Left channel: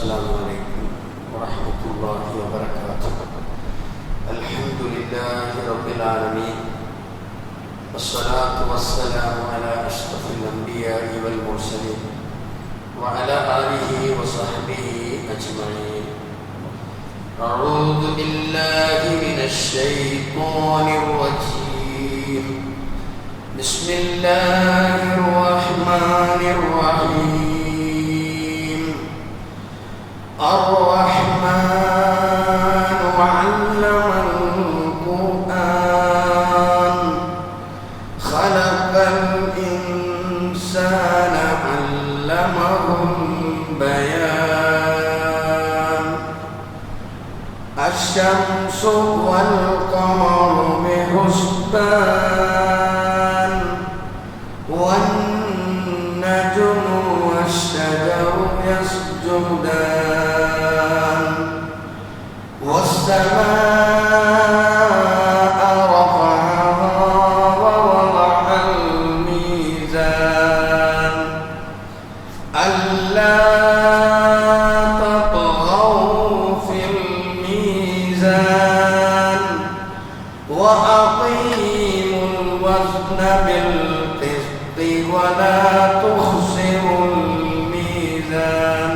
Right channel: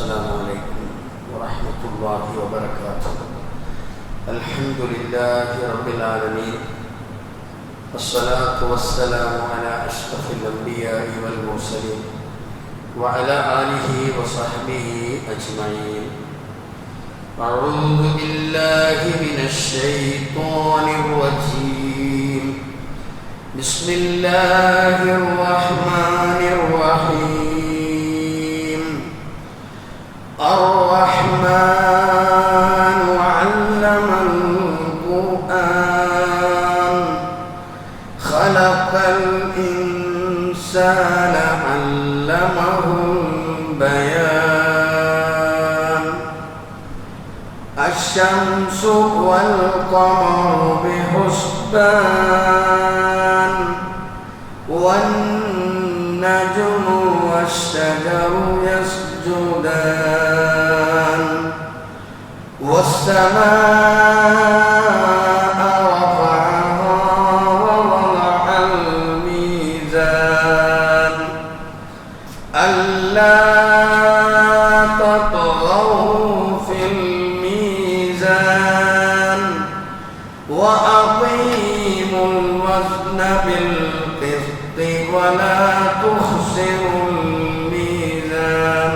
السلام عليكم ورحمة الله وبركاته. الحمد لله رب العالمين، والصلاة والسلام على أشرف الأنبياء والمرسلين وعلى آله وصحبه أجمعين. أعوذ بالله من الشيطان الرجيم. بسم الله الرحمن الرحيم. الرحمن علم القرآن خلق الإنسان علمه البيان. الشمس والقمر بحسبان والنجم والشجر يسجدان والسماء رفعها ووضع الميزان ألا تطغوا في الميزان وأقيموا الوزن بالقسط ولا تخسروا الميزان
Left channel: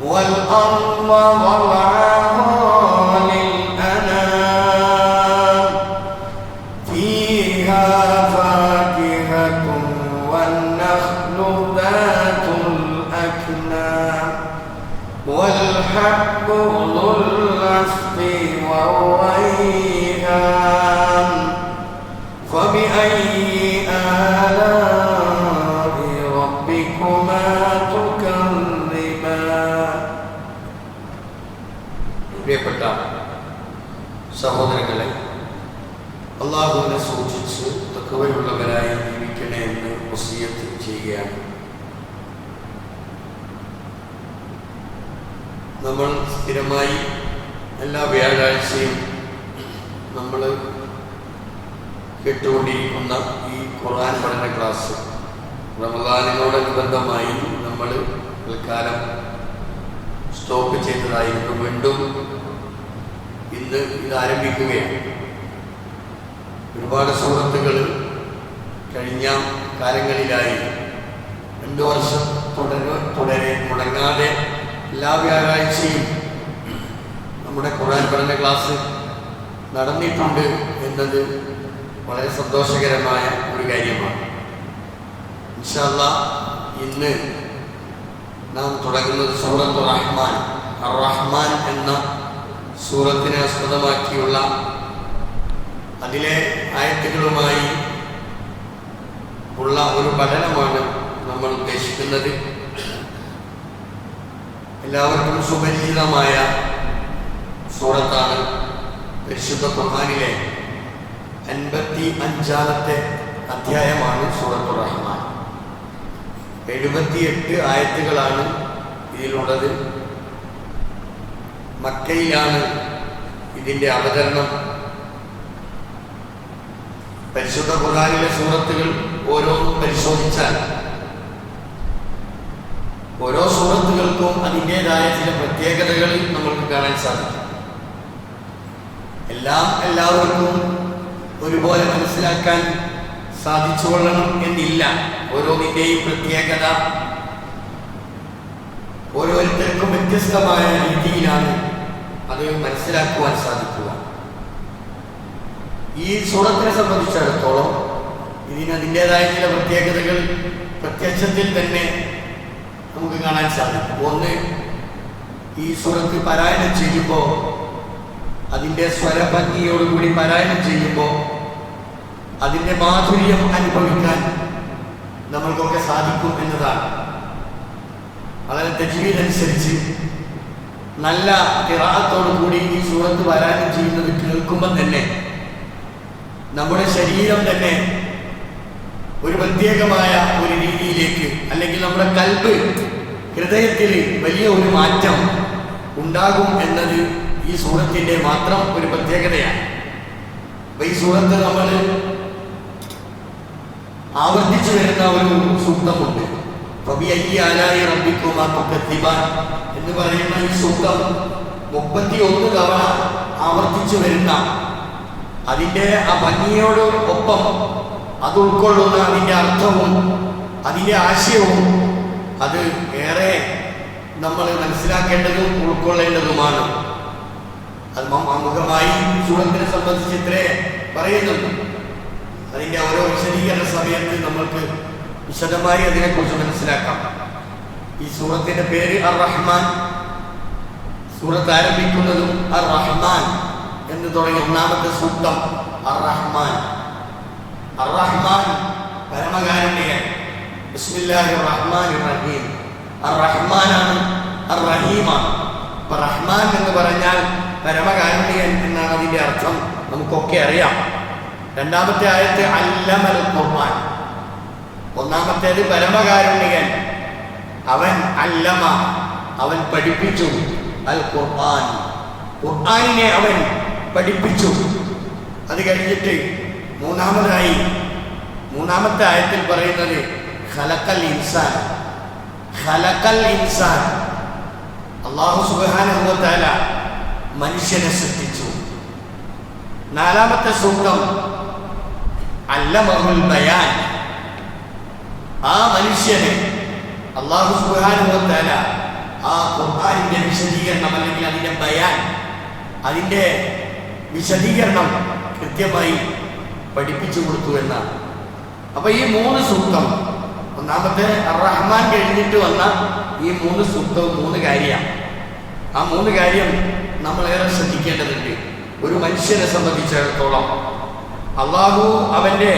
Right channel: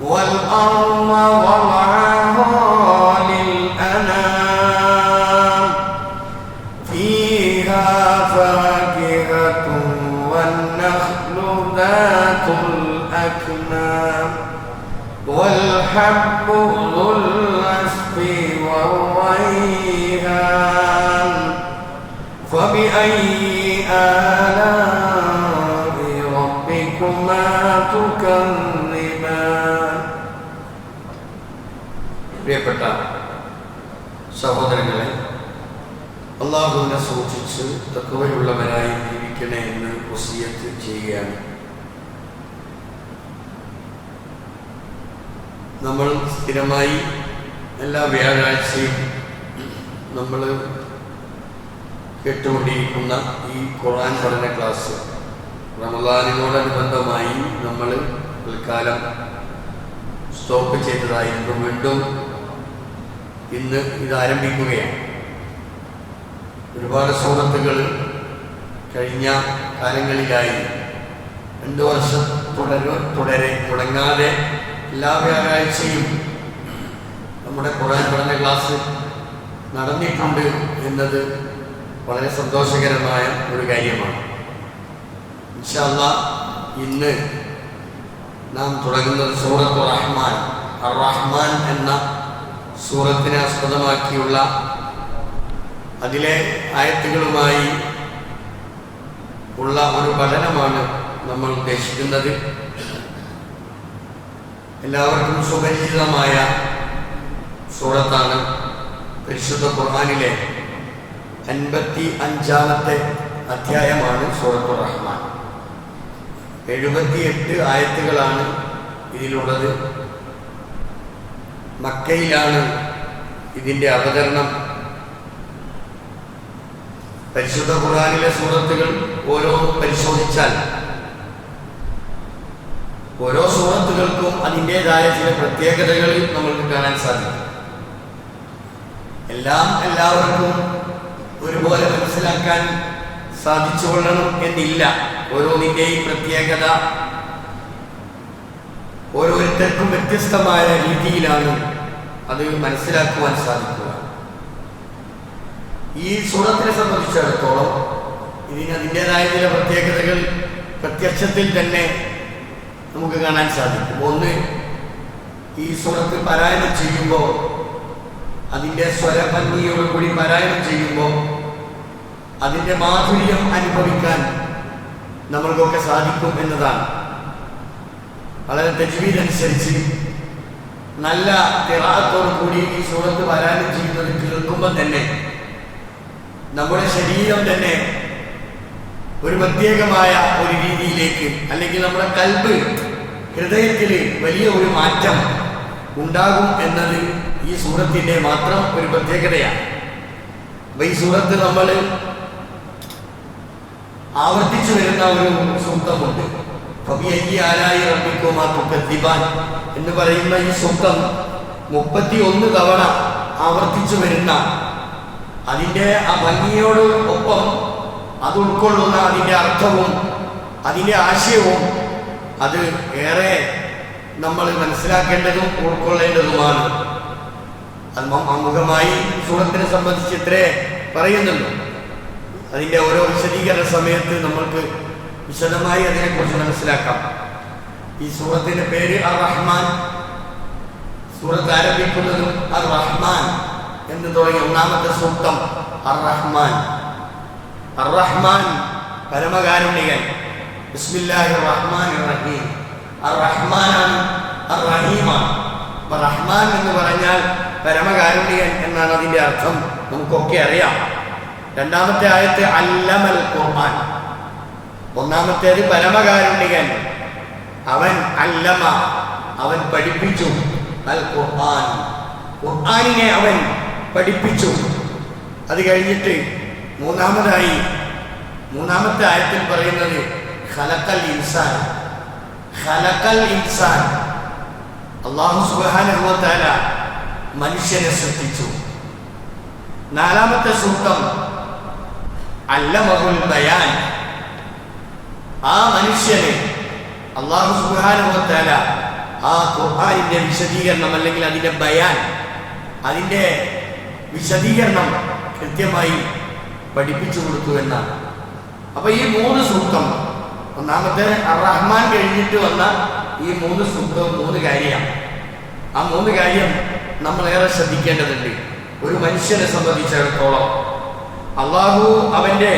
والأرض وضعها للأنام فيها فاكهة والنخل ذات الأكمام والحب ذو العصف والريحان فبأي آلاء ربكما تكذبان. പ്രിയപ്പെട്ട സഹോദരങ്ങളെ, അല്ലാഹുവിനെ സൂക്ഷിച്ച് തഖ്വയുള്ളവരായി ജീവിക്കണേ എന്ന് വസിയത്ത് ചെയ്യുകയാണ്. നമ്മൾ സ്ഥിരമായി എല്ലാ വ്യാഴാഴ്ചയും നമ്മൾ കേട്ടുകൊണ്ടിരിക്കുന്ന ഈ ഖുർആൻ പഠന ക്ലാസ് റമളാനിനോടനുബന്ധമായി നമ്മൾ തൽക്കാലം സ്റ്റോപ്പ് ചെയ്തതായിരുന്നു. വീണ്ടും ഇന്ന് ഇത് ആരംഭിക്കുകയാണ്. ഒരുപാട് സൂറത്തുകൾ കഴിഞ്ഞ കാലങ്ങളിലായി 2 വർഷം തുടരെ മുടങ്ങാതെ എല്ലാ വ്യാഴാഴ്ചയും നമ്മുടെ ഖുർആൻ പഠന ക്ലാസ് നടന്നിട്ടുണ്ട് എന്നത് വളരെ സന്തോഷകരമായ ഒരു കാര്യമാണ്. ഇൻഷാ അല്ലാഹ് ഇന്ന് നാം തുടങ്ങുന്നത് സൂറത്തു റഹ്മാൻ. അർ-റഹ്മാൻ എന്ന സൂറത്തിനെ ആസ്പദമാക്കിയുള്ള അതിലെ ആയത്തുകളുമായി ഉള്ള ഒരു പഠനമാണ് നമ്മൾ ഉദ്ദേശിക്കുന്നത്. എല്ലാവർക്കും സുപരിചിതമായ സൂറത്താണ്. പരിശുദ്ധ ഖുർആനിലെ 55-ാമത്തെ അധ്യായമാണ് സൂറത്തു റഹ്മാൻ. 78 ആയത്തുകളാണ് ഇതിലുള്ളത്. മക്കയിലാണ് ഇതിൻ്റെ അവതരണം. പരിശുദ്ധ ഖുർആനിലെ സൂറത്തുകൾ ഓരോന്നും പരിശോധിച്ചാൽ ഓരോ സൂറത്തുകൾക്കും അതിൻ്റേതായ ചില പ്രത്യേകതകൾ നമ്മൾക്ക് കാണാൻ സാധിക്കും. എല്ലാം എല്ലാവർക്കും ഒരുപോലെ മനസ്സിലാക്കാൻ സാധിച്ചുകൊള്ളണം എന്നില്ല. ഓരോന്നിൻ്റെയും പ്രത്യേകത ഓരോരുത്തർക്കും വ്യത്യസ്തമായ രീതിയിലാണ് അത് മനസ്സിലാക്കുവാൻ സാധിക്കുക. ഈ സൂറത്തിനെ സംബന്ധിച്ചിടത്തോളം അതിൻ്റേതായ ചില പ്രത്യേകതകൾ പ്രത്യക്ഷത്തിൽ തന്നെ നമുക്ക് കാണാൻ സാധിക്കും. ഒന്ന്, ഈ സൂറത്ത് പാരായണം ചെയ്യുമ്പോൾ അതിൻ്റെ സ്വരഭംഗിയോടുകൂടി പാരായണം ചെയ്യുമ്പോൾ അതിൻ്റെ മാധുര്യം അനുഭവിക്കാൻ നമ്മൾക്കൊക്കെ സാധിക്കും എന്നതാണ്. വളരെ തജ്വീദ് അനുസരിച്ച് നല്ല ഖിറാഅത്തോടു കൂടി ഈ സൂറത്ത് പാരായണം ചെയ്യുന്നത് കേൾക്കുമ്പോൾ തന്നെ നമ്മുടെ ശരീരം തന്നെ ഒരു പ്രത്യേകമായ ഒരു രീതിയിലേക്ക്, അല്ലെങ്കിൽ നമ്മുടെ കൽബ്, ഹൃദയത്തിൽ വലിയ ഒരു മാറ്റം ഉണ്ടാകും എന്നത് ഈ സൂറത്തിൻ്റെ മാത്രം ഒരു പ്രത്യേകതയാണ്. അപ്പോൾ ഈ സൂറത്ത് നമ്മൾ ആവർത്തിച്ചു വരുന്ന ഒരു സൂക്തമുണ്ട്. ഫബിഅയ്യി ആലാഇ റബ്ബിക്കുമാ തുകദ്ദിബാൻ എന്ന് പറയുന്ന ഈ സൂക്തം 31 തവണ ആവർത്തിച്ചു വരുന്ന, അതിൻ്റെ ആ ഭംഗിയോട് ഒപ്പം അത് ഉൾക്കൊള്ളുന്ന അതിൻ്റെ അർത്ഥവും അതിൻ്റെ ആശയവും അത് ഏറെ നമ്മൾ മനസ്സിലാക്കേണ്ടതും ഉൾക്കൊള്ളേണ്ടതുമാണ്. അത് ആമുഖമായി സൂറത്തിനെ സംബന്ധിച്ച് ഇത്രേ പറയുന്നുള്ളൂ. അതിൻ്റെ ഓരോ വിശദീകരണ സമയത്ത് നമ്മൾക്ക് വിശദമായി അതിനെക്കുറിച്ച് മനസ്സിലാക്കാം. ഈ സൂറത്തിൻ്റെ പേര് അർ-റഹ്മാൻ. സൂറത്ത് ആരംഭിക്കുന്നതും അർ-റഹ്മാൻ എന്ന് തുടങ്ങി ഒന്നാമത്തെ സൂക്തം അർ-റഹ്മാൻ. അർ-റഹ്മാൻ പരമകാരുണ്യകൻ. ബിസ്മില്ലാഹിർ റഹ്മാനിർ റഹീം. അർ-റഹ്മാനാണ്, അർ-റഹീമാണ്. അപ്പോൾ റഹ്മാൻ എന്ന് പറഞ്ഞാൽ പരമകാരുണ്യകൻ എന്നാണ് അതിൻ്റെ അർത്ഥം, നമുക്കൊക്കെ അറിയാം. രണ്ടാമത്തെ ആയത്ത് അല്ലമൽ ഖുർആൻ. ഒന്നാമത്തേത് പരമകാരുണ്യകൻ, അവൻ അല്ലമ, അവൻ പഠിപ്പിച്ചു. അൽ ഖുർആൻ, ഖുർആനിനെ അവൻ പഠിപ്പിച്ചു. അത് കഴിഞ്ഞിട്ട് മൂന്നാമത്തെ ആയത്തിൽ പറയുന്നത് ഖലഖൽ ഇൻസാൻ. ഖലഖൽ ഇൻസാൻ, അല്ലാഹു സുബ്ഹാനഹു വ തആല മനുഷ്യനെ സൃഷ്ടിച്ചു. നാലാമത്തെ സൂക്തം അല്ലമഹുൽ ബയാൻ. ആ മനുഷ്യന് അല്ലാഹു സുബ്ഹാനഹു വ തആല ആ ഖുർആനിൻ്റെ വിശദീകരണം അല്ലെങ്കിൽ അതിൻ്റെ ബയാൻ, അതിൻ്റെ വിശദീകരണം കൃത്യമായി പഠിപ്പിച്ചു കൊടുത്തു എന്നാണ്. അപ്പോൾ ഈ 3 സൂക്തം, ഒന്നാമത്തെ അർ-റഹ്മാൻ കഴിഞ്ഞിട്ട് വന്ന ഈ 3 സൂക്തവും 3 കാര്യമാണ്. ആ 3 കാര്യം നമ്മളേറെ ശ്രദ്ധിക്കേണ്ടതുണ്ട്. ഒരു മനുഷ്യനെ സംബന്ധിച്ചിടത്തോളം അള്ളാഹു അവൻ്റെ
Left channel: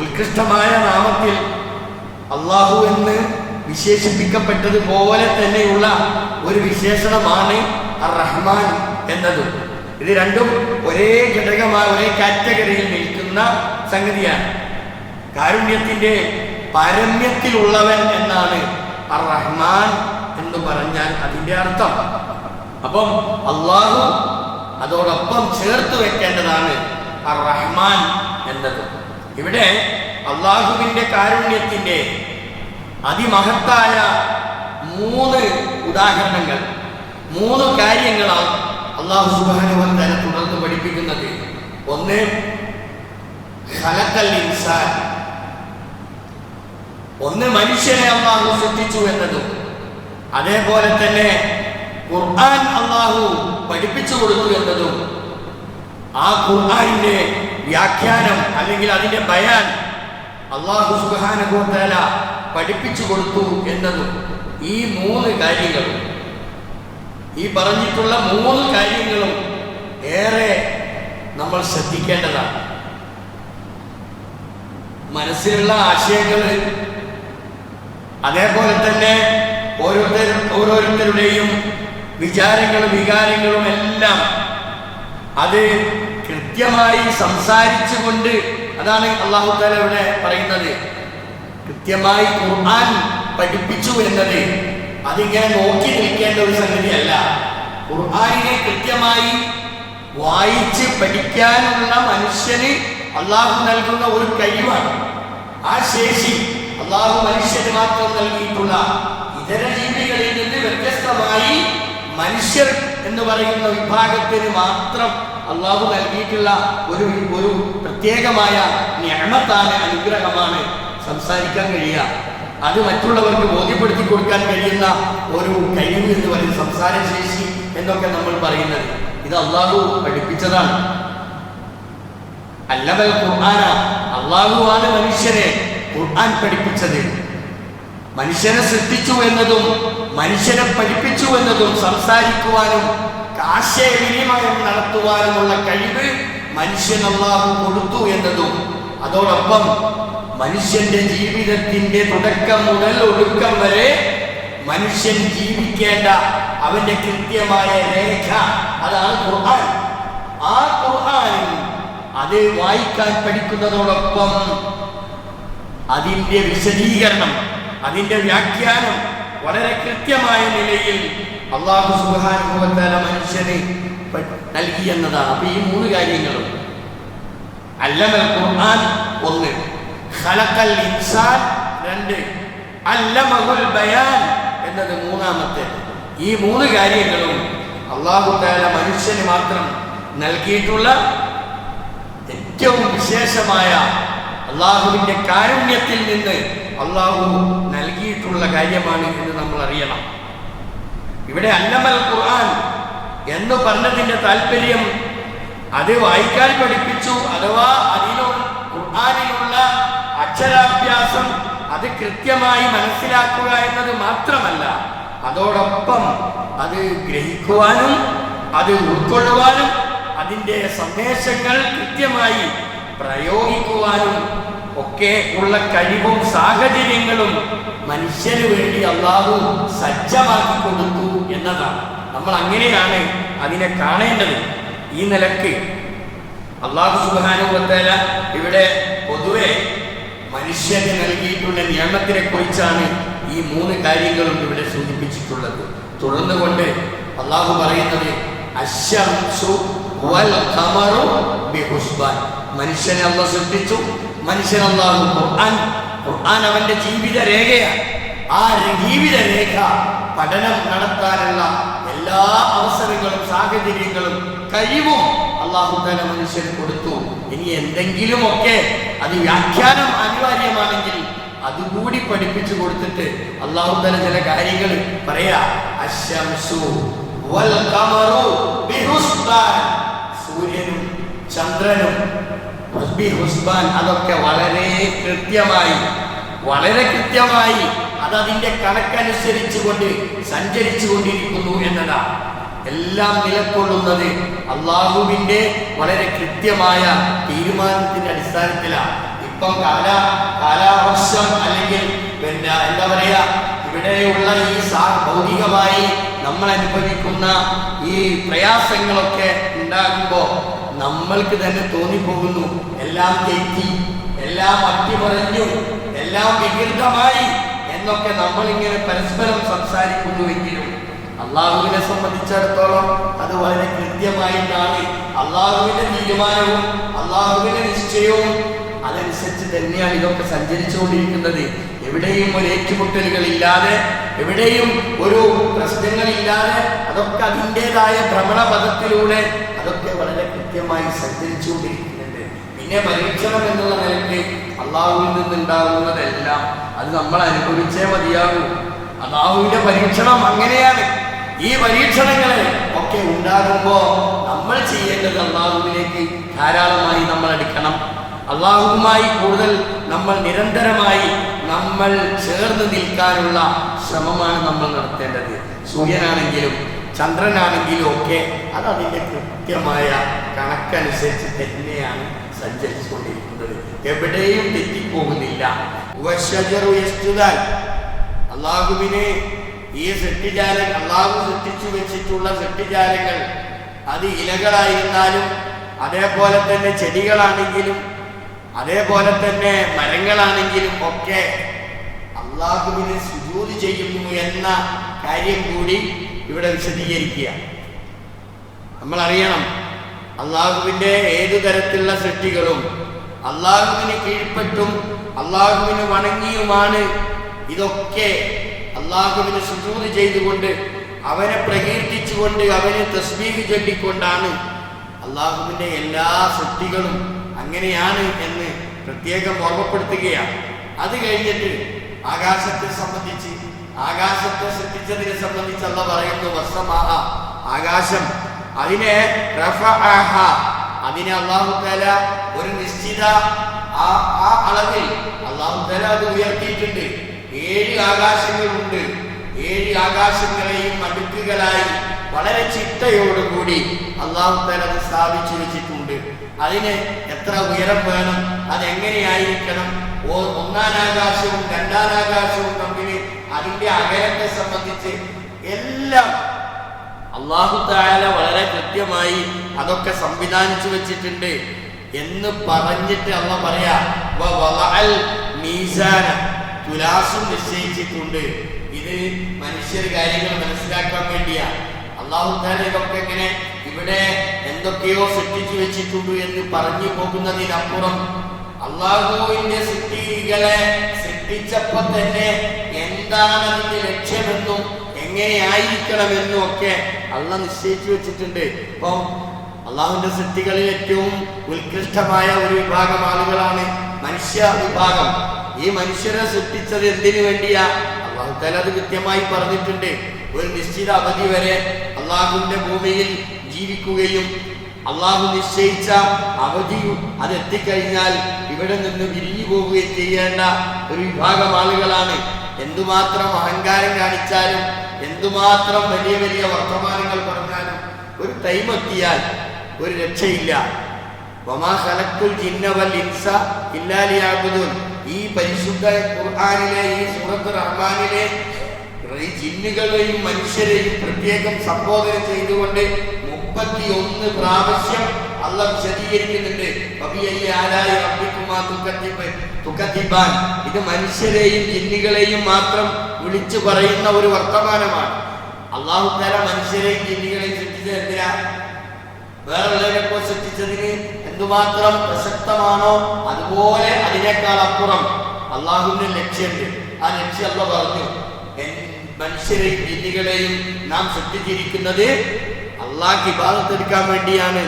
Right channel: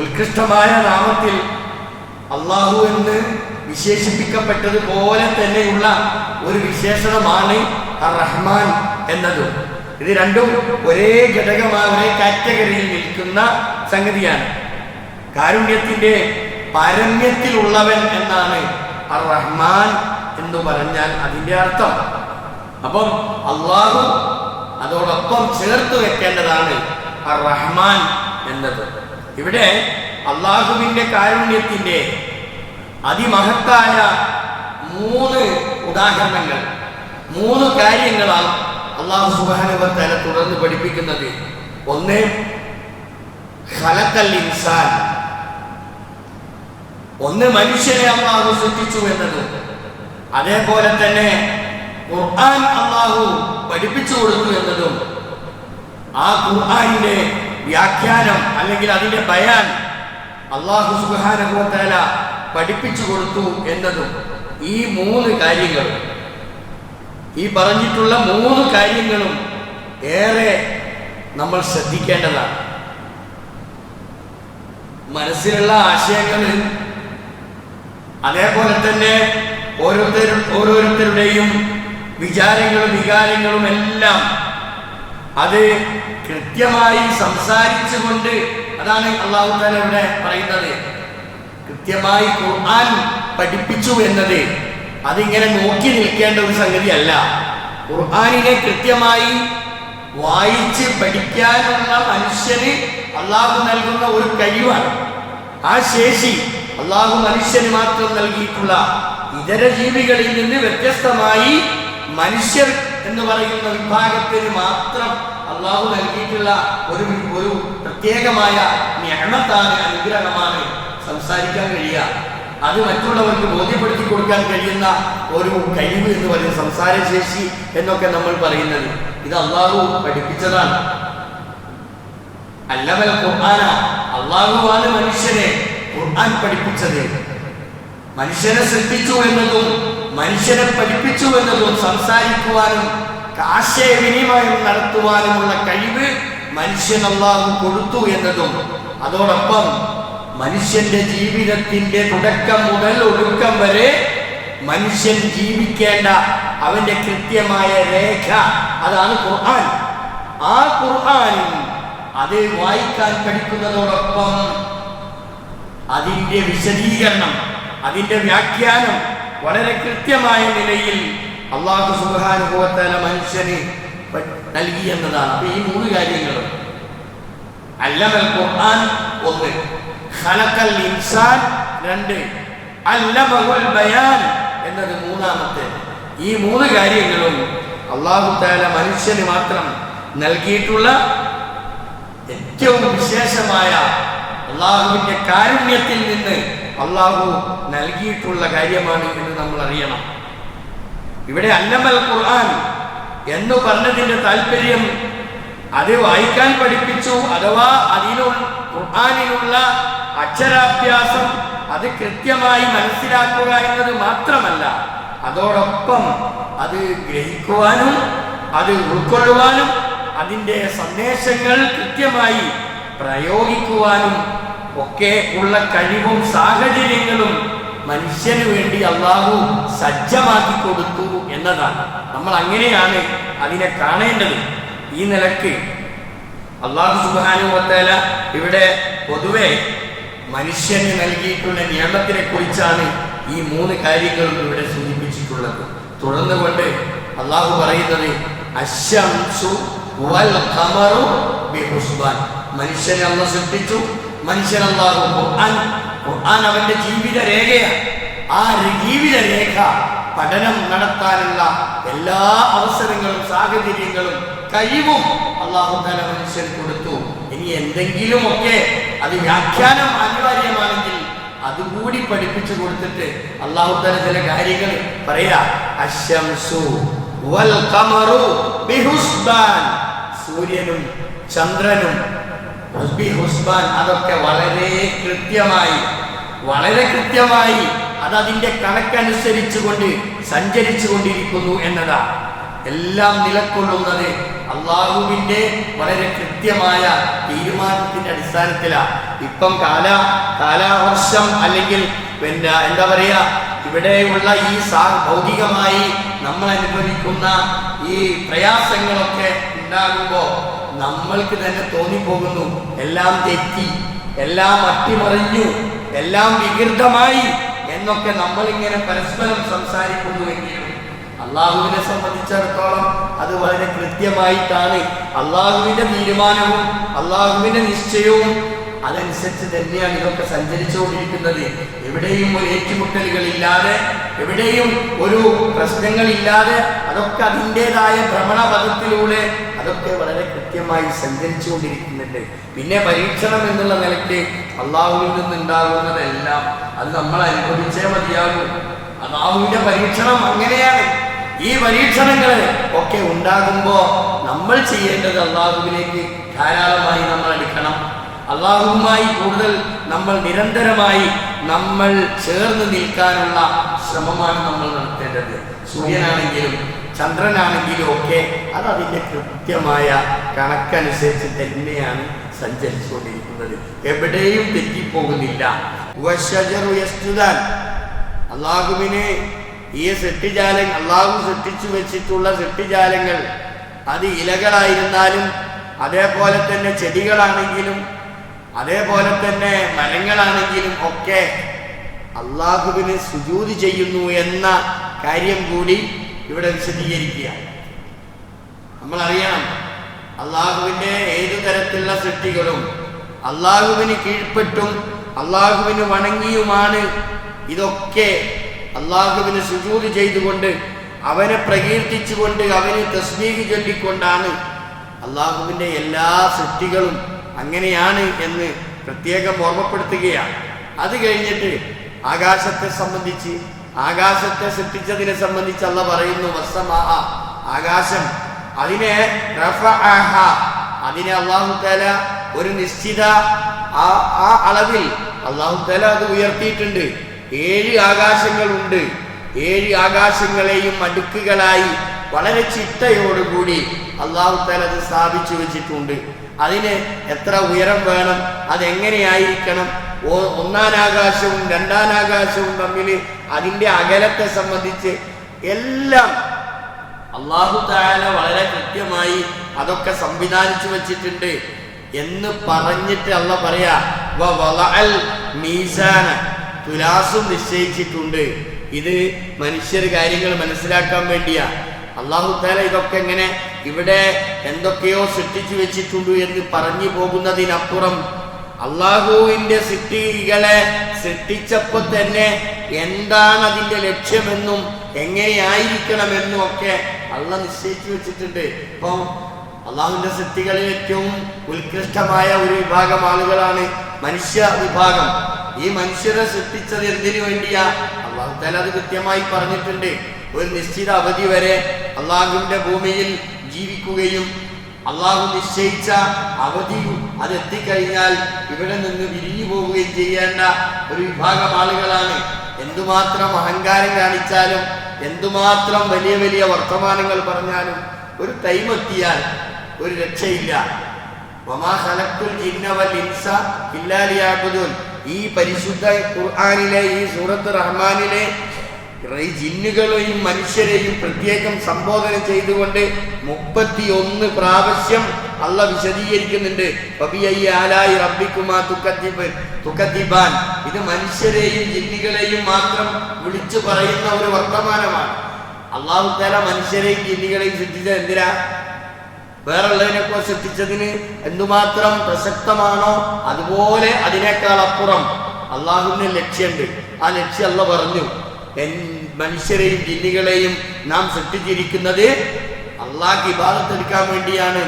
ഉത്കൃഷ്ടമായ നാമത്തിൽ അള്ളാഹു എന്ന് വിശേഷിപ്പിക്കപ്പെട്ടതുപോലെ തന്നെയുള്ള ഒരു വിശേഷണമാണ് അർ-റഹ്മാൻ എന്നതും. ഇത് രണ്ടും ഒരേ ഘടകമായ ഒരേ കാറ്റഗറിയിൽ നിൽക്കുന്ന സംഗതിയാണ്. കാരുണ്യത്തിൻ്റെ പാരമ്യത്തിലുള്ളവൻ എന്നാണ് അർ-റഹ്മാൻ എന്ന് പറഞ്ഞാൽ അതിൻ്റെ അർത്ഥം. അപ്പം അള്ളാഹു അതോടൊപ്പം ചേർത്ത് വെക്കേണ്ടതാണ് അർ-റഹ്മാൻ എന്നത്. ഇവിടെ അള്ളാഹുവിൻ്റെ കാരുണ്യത്തിൻ്റെ അതിമഹത്തായ 3 ഉദാഹരണങ്ങൾ, 3 കാര്യങ്ങളാൽ അല്ലാഹു സുബ്ഹാനഹു വ തആല തുടർന്ന് പഠിപ്പിക്കുന്നത്. ഒന്ന്, ഖലഖൽ ഇൻസാൻ, ഒന്ന് മനുഷ്യനെ അള്ളാഹു സൃഷ്ടിച്ചു എന്നതും, അതേപോലെ തന്നെ ഖുർആൻ അള്ളാഹു പഠിപ്പിച്ചു കൊടുത്തു എന്നതും, ആ ഖുർആനിൻ്റെ വ്യാഖ്യാനം അല്ലെങ്കിൽ അതിൻ്റെ ബയാൻ അല്ലാഹു സുബ്ഹാനഹു വ തആല പഠിപ്പിച്ചു കൊടുത്തു എന്നതും. ഈ 3 കാര്യങ്ങളും, ഈ പറഞ്ഞിട്ടുള്ള 3 കാര്യങ്ങളും ഏറെ നമ്മൾ ശ്രദ്ധിക്കേണ്ടതാണ്. മനസ്സിലുള്ള ആശയങ്ങൾ, അതേപോലെ തന്നെ ഓരോരുത്തരുടെയും വിചാരങ്ങളും വികാരങ്ങളും എല്ലാം അത് കൃത്യമായി സംസാരിച്ചുകൊണ്ട്, അതാണ് അല്ലാഹു തആല ഇവിടെ പറയുന്നത്, കൃത്യമായി ഖുർആൻ പഠിപ്പിച്ചു എന്നത് അതിങ്ങനെ നോക്കി നിൽക്കേണ്ട ഒരു സംഗതിയല്ല. ഖുർആനിനെ കൃത്യമായി വായിച്ച് പഠിക്കാനുള്ള മനുഷ്യന് അള്ളാഹു നൽകുന്ന ഒരു കഴിവാണ്. ആ ശേഷി അള്ളാഹു മനുഷ്യന് മാത്രം നൽകിയിട്ടുള്ള, ഇതര ജീവികളിൽ നിന്ന് വ്യത്യസ്തമായി മനുഷ്യർ എന്ന് പറയുന്ന വിഭാഗത്തിന് മാത്രം അള്ളാഹു നൽകിയിട്ടുള്ള ഒരു പ്രത്യേകമായ നിഅമത്താണ്, അനുഗ്രഹമാണ് സംസാരിക്കാൻ കഴിയുക. അത് മറ്റുള്ളവർക്ക് ബോധ്യപ്പെടുത്തി കൊടുക്കാൻ കഴിയുന്ന ഒരു കഴിവ് എന്ന് പറയുന്നത്, സംസാരശേഷി എന്നൊക്കെ നമ്മൾ പറയുന്നത്, ഇത് അള്ളാഹു പഠിപ്പിച്ചതാണ്. അല്ലമൽ ഖുർആന, അള്ളാഹുവാണ് മനുഷ്യനെ ഖുർആൻ പഠിപ്പിച്ചത്. മനുഷ്യനെ സൃഷ്ടിച്ചു എന്നതും മനുഷ്യനെ പഠിപ്പിച്ചു എന്നതും സംസാരിക്കുവാനും ആശയവിനിമയം നടത്തുവാനുമുള്ള കഴിവ് മനുഷ്യൻ അള്ളാഹു കൊടുത്തു എന്നതും, അതോടൊപ്പം മനുഷ്യന്റെ ജീവിതത്തിന്റെ തുടക്കം മുതൽ ഒടുക്കം വരെ മനുഷ്യൻ ജീവിക്കേണ്ട അവന്റെ കൃത്യമായ രേഖ, അതാണ് ഖുർആൻ. ആ ഖുർആനിൽ അത് വായിക്കാൻ പഠിക്കുന്നതോടൊപ്പം അതിൻ്റെ വിശദീകരണം, അതിൻ്റെ വ്യാഖ്യാനം വളരെ കൃത്യമായ നിലയിൽ അല്ലാഹു സുബ്ഹാനഹു വ തആല മനുഷ്യന് നൽകി എന്നതാണ്. അപ്പോൾ ഈ 3 കാര്യങ്ങളും, അല്ലമൽ ഖുർആൻ 1, ഖലഖൽ ഇൻസാൻ 2, അല്ലമഹുൽ ബയാൻ എന്നത് 3-ാമത്തേത്. ഈ മൂന്ന് കാര്യങ്ങളും അല്ലാഹു തആല മനുഷ്യന് മാത്രം നൽകിയിട്ടുള്ള ഏറ്റവും വിശേഷമായ അള്ളാഹുവിൻ്റെ കാരുണ്യത്തിൽ നിന്ന് അള്ളാഹു നൽകിയിട്ടുള്ള കാര്യമാണ് എന്ന് നമ്മൾ അറിയണം. ഇവിടെ അല്ലമൽ ഖുർആൻ എന്ന് പറഞ്ഞതിൻ്റെ താല്പര്യം അത് വായിക്കാൻ പഠിപ്പിച്ചു, അഥവാ ഖുർആനിലുള്ള അക്ഷരാഭ്യാസം അത് കൃത്യമായി മനസ്സിലാക്കുക എന്നത് മാത്രമല്ല, അതോടൊപ്പം അത് ഗ്രഹിക്കുവാനും അത് ഉൾക്കൊള്ളുവാനും അതിൻ്റെ സന്ദേശങ്ങൾ കൃത്യമായി പ്രയോഗിക്കുവാനും ഒക്കെ ഉള്ള കഴിവും സാഹചര്യങ്ങളും മനുഷ്യന് വേണ്ടി അള്ളാഹു സജ്ജമാക്കി കൊടുത്തു എന്നതാണ്. നമ്മൾ അങ്ങനെയാണ് അതിനെ കാണേണ്ടത്. ഈ നിലക്ക് അള്ളാഹു സുബ്ഹാനഹു വ തആല ഇവിടെ പൊതുവെ മനുഷ്യന് നൽകിയിട്ടുള്ള നിയമത്തിനെ കുറിച്ചാണ് ഈ മൂന്ന് കാര്യങ്ങളും ഇവിടെ സൂചിപ്പിച്ചിട്ടുള്ളത്. തുടർന്നുകൊണ്ട് അള്ളാഹു പറയുന്നത് അശ്ശംസു വൽ ഖമറു ബിഹുസ്ബാൻ. മനുഷ്യനെ അള്ളാഹു സൃഷ്ടിച്ചു, മനുഷ്യൻ അള്ളാഹു ഖുർആൻ അവന്റെ ജീവിത രേഖയാണ്. ആ ജീവിത രേഖ പഠനം നടത്താനുള്ള എല്ലാ അവസരങ്ങളും സാഹചര്യങ്ങളും കഴിവും അല്ലാഹു തആല മനുഷ്യന് കൊടുത്തു. ഇനി എന്തെങ്കിലുമൊക്കെ അത് വ്യാഖ്യാനം അനിവാര്യമാണെങ്കിൽ അതുകൂടി പഠിപ്പിച്ചു കൊടുത്തിട്ട് അല്ലാഹു തആല ചില കാര്യങ്ങൾ പറയാ. അശ്ശംസു വൽ ഖമറു ബിഹുസ്ബാൻ, സൂര്യനും ചന്ദ്രനും ബിഹുസ്ബാൻ, അതൊക്കെ വളരെ കൃത്യമായി അതതിൻ്റെ കണക്കനുസരിച്ചുകൊണ്ട് സഞ്ചരിച്ചു കൊണ്ടിരിക്കുന്നു എന്നതാ. എല്ലാം നിലകൊള്ളുന്നത് അള്ളാഹുവിൻ്റെ വളരെ കൃത്യമായ തീരുമാനത്തിൻ്റെ അടിസ്ഥാനത്തിലാണ്. ഇപ്പം കാലാവർഷം അല്ലെങ്കിൽ പിന്നെ എന്താ പറയുക, ഇവിടെയുള്ള ഈ ഭൗതികമായി നമ്മൾ അനുഭവിക്കുന്ന ഈ പ്രയാസങ്ങളൊക്കെ ഉണ്ടാകുമ്പോൾ നമ്മൾക്ക് തന്നെ തോന്നിപ്പോകുന്നു എല്ലാം തെറ്റി, എല്ലാം അട്ടിമറിഞ്ഞു, എല്ലാം വികൃതമായി എന്നൊക്കെ നമ്മളിങ്ങനെ പരസ്പരം സംസാരിക്കുന്നുവെങ്കിലും അള്ളാഹുവിനെ സംബന്ധിച്ചിടത്തോളം അത് വളരെ കൃത്യമായിട്ടാണ്. അള്ളാഹുവിൻ്റെ തീരുമാനവും അള്ളാഹുവിൻ്റെ നിശ്ചയവും അതനുസരിച്ച് തന്നെയാണ് ഇതൊക്കെ സഞ്ചരിച്ചുകൊണ്ടിരിക്കുന്നത്. എവിടെയും ഒരു ഏറ്റുമുട്ടലുകളില്ലാതെ, എവിടെയും ഒരു പ്രശ്നങ്ങളില്ലാതെ, അതൊക്കെ അതിൻ്റെതായ ഭ്രമണപഥത്തിലൂടെ അതൊക്കെ വളരെ കൃത്യമായി സഞ്ചരിച്ചുകൊണ്ടിരിക്കുന്നുണ്ട്. പിന്നെ പരീക്ഷണം എന്നുള്ള നിലയ്ക്ക് അള്ളാഹുവിൽ നിന്നുണ്ടാകുന്നതെല്ലാം അത് നമ്മൾ അനുഭവിച്ചേ മതിയാകൂ. അള്ളാഹുവിൻ്റെ പരീക്ഷണം അങ്ങനെയാണ്. ഈ പരീക്ഷണങ്ങൾ ഒക്കെ ഉണ്ടാകുമ്പോൾ നമ്മൾ ചെയ്യേണ്ടത് അള്ളാഹുവിലേക്ക് ധാരാളമായി നമ്മൾ അടുക്കണം. അള്ളാഹുവുമായി കൂടുതൽ നമ്മൾ നിരന്തരമായി നമ്മൾ ചേർന്ന് നിൽക്കാനുള്ള ശ്രമമാണ് നമ്മൾ നടത്തേണ്ടത്. സൂര്യനാണെങ്കിലും ചന്ദ്രനാണെങ്കിലും ഒക്കെ അത് അതിൻ്റെ കൃത്യമായ കണക്കനുസരിച്ച് തന്നെയാണ് സഞ്ചരിച്ചുകൊണ്ടിരിക്കുന്നത്, എവിടെയും തെറ്റിപ്പോകുന്നില്ല. അള്ളാഹുവിന് ഈ അള്ളാഹു സൃഷ്ടിച്ചു വെച്ചിട്ടുള്ള സൃഷ്ടിജാലങ്ങൾ അത് ഇലകളായിരുന്നാലും, അതേപോലെ തന്നെ ചെടികളാണെങ്കിലും, അതേപോലെ തന്നെ മരങ്ങളാണെങ്കിലും ഒക്കെ അള്ളാഹുവിന് സുജൂദ് ചെയ്യുന്നു എന്ന കാര്യം കൂടി ഇവിടെ വിശദീകരിക്കുക. നമ്മൾ അറിയണം, അള്ളാഹുവിൻ്റെ ഏതു തരത്തിലുള്ള സൃഷ്ടികളും അള്ളാഹുവിന് കീഴ്പ്പെട്ടും അള്ളാഹുവിന് വണങ്ങിയുമാണ്. ഇതൊക്കെ അള്ളാഹുവിന് സുജൂദ് ചെയ്തുകൊണ്ട് അവനെ പ്രകീർത്തിച്ചുകൊണ്ട് അവന് തസ്ബീഹ് ചൊല്ലിക്കൊണ്ടാണ്. അള്ളാഹുവിൻ്റെ എല്ലാ സൃഷ്ടികളും അങ്ങനെയാണ് എന്ന് പ്രത്യേകം ഓർമ്മപ്പെടുത്തുകയാണ്. അത് കഴിഞ്ഞിട്ട് ആകാശത്തെ സംബന്ധിച്ച്, ആകാശത്തെ സൃഷ്ടിച്ചതിനെ സംബന്ധിച്ച് അള്ളാഹ് പറയുന്നു വസ്സമാഅ, ആകാശം അതിനെ റഫഅഹ, അതിനെ അല്ലാഹു തആല ഒരു നിശ്ചിത ആ അളവിൽ അല്ലാഹു തആല അത് ഉയർത്തിയിട്ടുണ്ട്. 7 ആകാശങ്ങളുണ്ട്. 7 ആകാശങ്ങളെയും അടുക്കുകളായി വളരെ ചിട്ടയോടുകൂടി അല്ലാഹു തആല അത് സ്ഥാപിച്ചു വെച്ചിട്ടുണ്ട്. അതിന് എത്ര ഉയരം വേണം, അതെങ്ങനെയായിരിക്കണം, ഒന്നാം ആകാശവും രണ്ടാം ആകാശവും തമ്മിൽ അതിൻ്റെ അകലത്തെ സംബന്ധിച്ച് എല്ലാം അല്ലാഹു തആല വളരെ കൃത്യമായി അതൊക്കെ സംവിധാനിച്ചു വച്ചിട്ടുണ്ട് എന്ന് പറഞ്ഞിട്ട് അല്ലാഹ് പറയാ വവളഅൽ മീസാന, തുലാസും നിശ്ചയിച്ചിട്ടുണ്ട്. ഇത് മനുഷ്യർ കാര്യങ്ങൾ മനസ്സിലാക്കാൻ വേണ്ടിയാ. അല്ലാഹു തആല ഇതൊക്കെ ഇങ്ങനെ ഇവിടെ എന്തൊക്കെയോ സൃഷ്ടിച്ചു വെച്ചിട്ടുണ്ട് എന്ന് പറഞ്ഞു പോകുന്നതിനപ്പുറം അള്ളാഹുവിന്റെ സൃഷ്ടികളെ സൃഷ്ടിച്ചപ്പോൾ തന്നെ എന്താണ് അതിന്റെ ലക്ഷ്യമെന്നും എങ്ങനെയായിരിക്കണമെന്നും ഒക്കെ അള്ളാഹ് നിശ്ചയിച്ചു വെച്ചിട്ടുണ്ട്. ഇപ്പം അള്ളാഹുവിന്റെ സൃഷ്ടികളിൽ ഏറ്റവും ഉത്കൃഷ്ടമായ ഒരു വിഭാഗം ആളുകളാണ് മനുഷ്യ വിഭാഗം. ഈ മനുഷ്യരെ സൃഷ്ടിച്ചത് എന്തിനു വേണ്ടിയാ? അള്ളാഹു തആല അത് കൃത്യമായി പറഞ്ഞിട്ടുണ്ട്. ഒരു നിശ്ചിത അവധി വരെ അള്ളാഹുവിന്റെ ഭൂമിയിൽ ജീവിക്കുകയും അള്ളാഹു നിശ്ചയിച്ച അവധി അതെത്തിക്കഴിഞ്ഞാൽ ഇവിടെ നിന്ന് വിരിഞ്ഞു പോവുകയും ചെയ്യേണ്ട ഒരു വിഭാഗം ആളുകളാണ്. എന്തുമാത്രം അഹങ്കാരം കാണിച്ചാലും എന്തുമാത്രം വലിയ വലിയ വർത്തമാനങ്ങൾ പറഞ്ഞാലും ഒരു ടൈം എത്തിയാൽ ഒരു രക്ഷയില്ല. വമാ ഖലഖ്തുൽ ജിന്ന വൽ ഇൻസ ഇല്ലാ ലിയഅ്ബുദൂൻ. ഈ പരിശുദ്ധ ഖുർആനിലെ ഈ സൂറത്ത് റഹ്മാനിലെ ജിന്നുകളെയും മനുഷ്യരെയും പ്രത്യേകം സംബോധന ചെയ്തുകൊണ്ട് 31 പ്രാവശ്യം അള്ളാഹ് വിശദീകരിക്കുന്നുണ്ട്. ഫബിഅയ്യി ആലാഇ റബ്ബികുമാ തുകദ്ദിബാൻ. ഇത് മനുഷ്യരെയും ജിന്നുകളെയും മാത്രം വിളിച്ചു പറയുന്ന ഒരു വർത്തമാനമാണ്. അല്ലാഹു തആല മനുഷ്യരെയും ജിന്നുകളെയും സൃഷ്ടിച്ചത് എന്തിനാ? വേറുള്ളതിനൊക്കെ സൃഷ്ടിച്ചതിന് എന്തുമാത്രം പ്രസക്തമാണോ അതുപോലെ അതിനേക്കാൾ അപ്പുറം അള്ളാഹുവിന് ലക്ഷ്യമുണ്ട്. ആ ലക്ഷ്യം അല്ലാഹ് പറഞ്ഞു, മനുഷ്യരെയും ജിന്നുകളെയും നാം സൃഷ്ടിച്ചിരിക്കുന്നത് അള്ളാഹ്ക്ക് ഇബാദത്ത് എടുക്കാൻ വേണ്ടിയാണ്.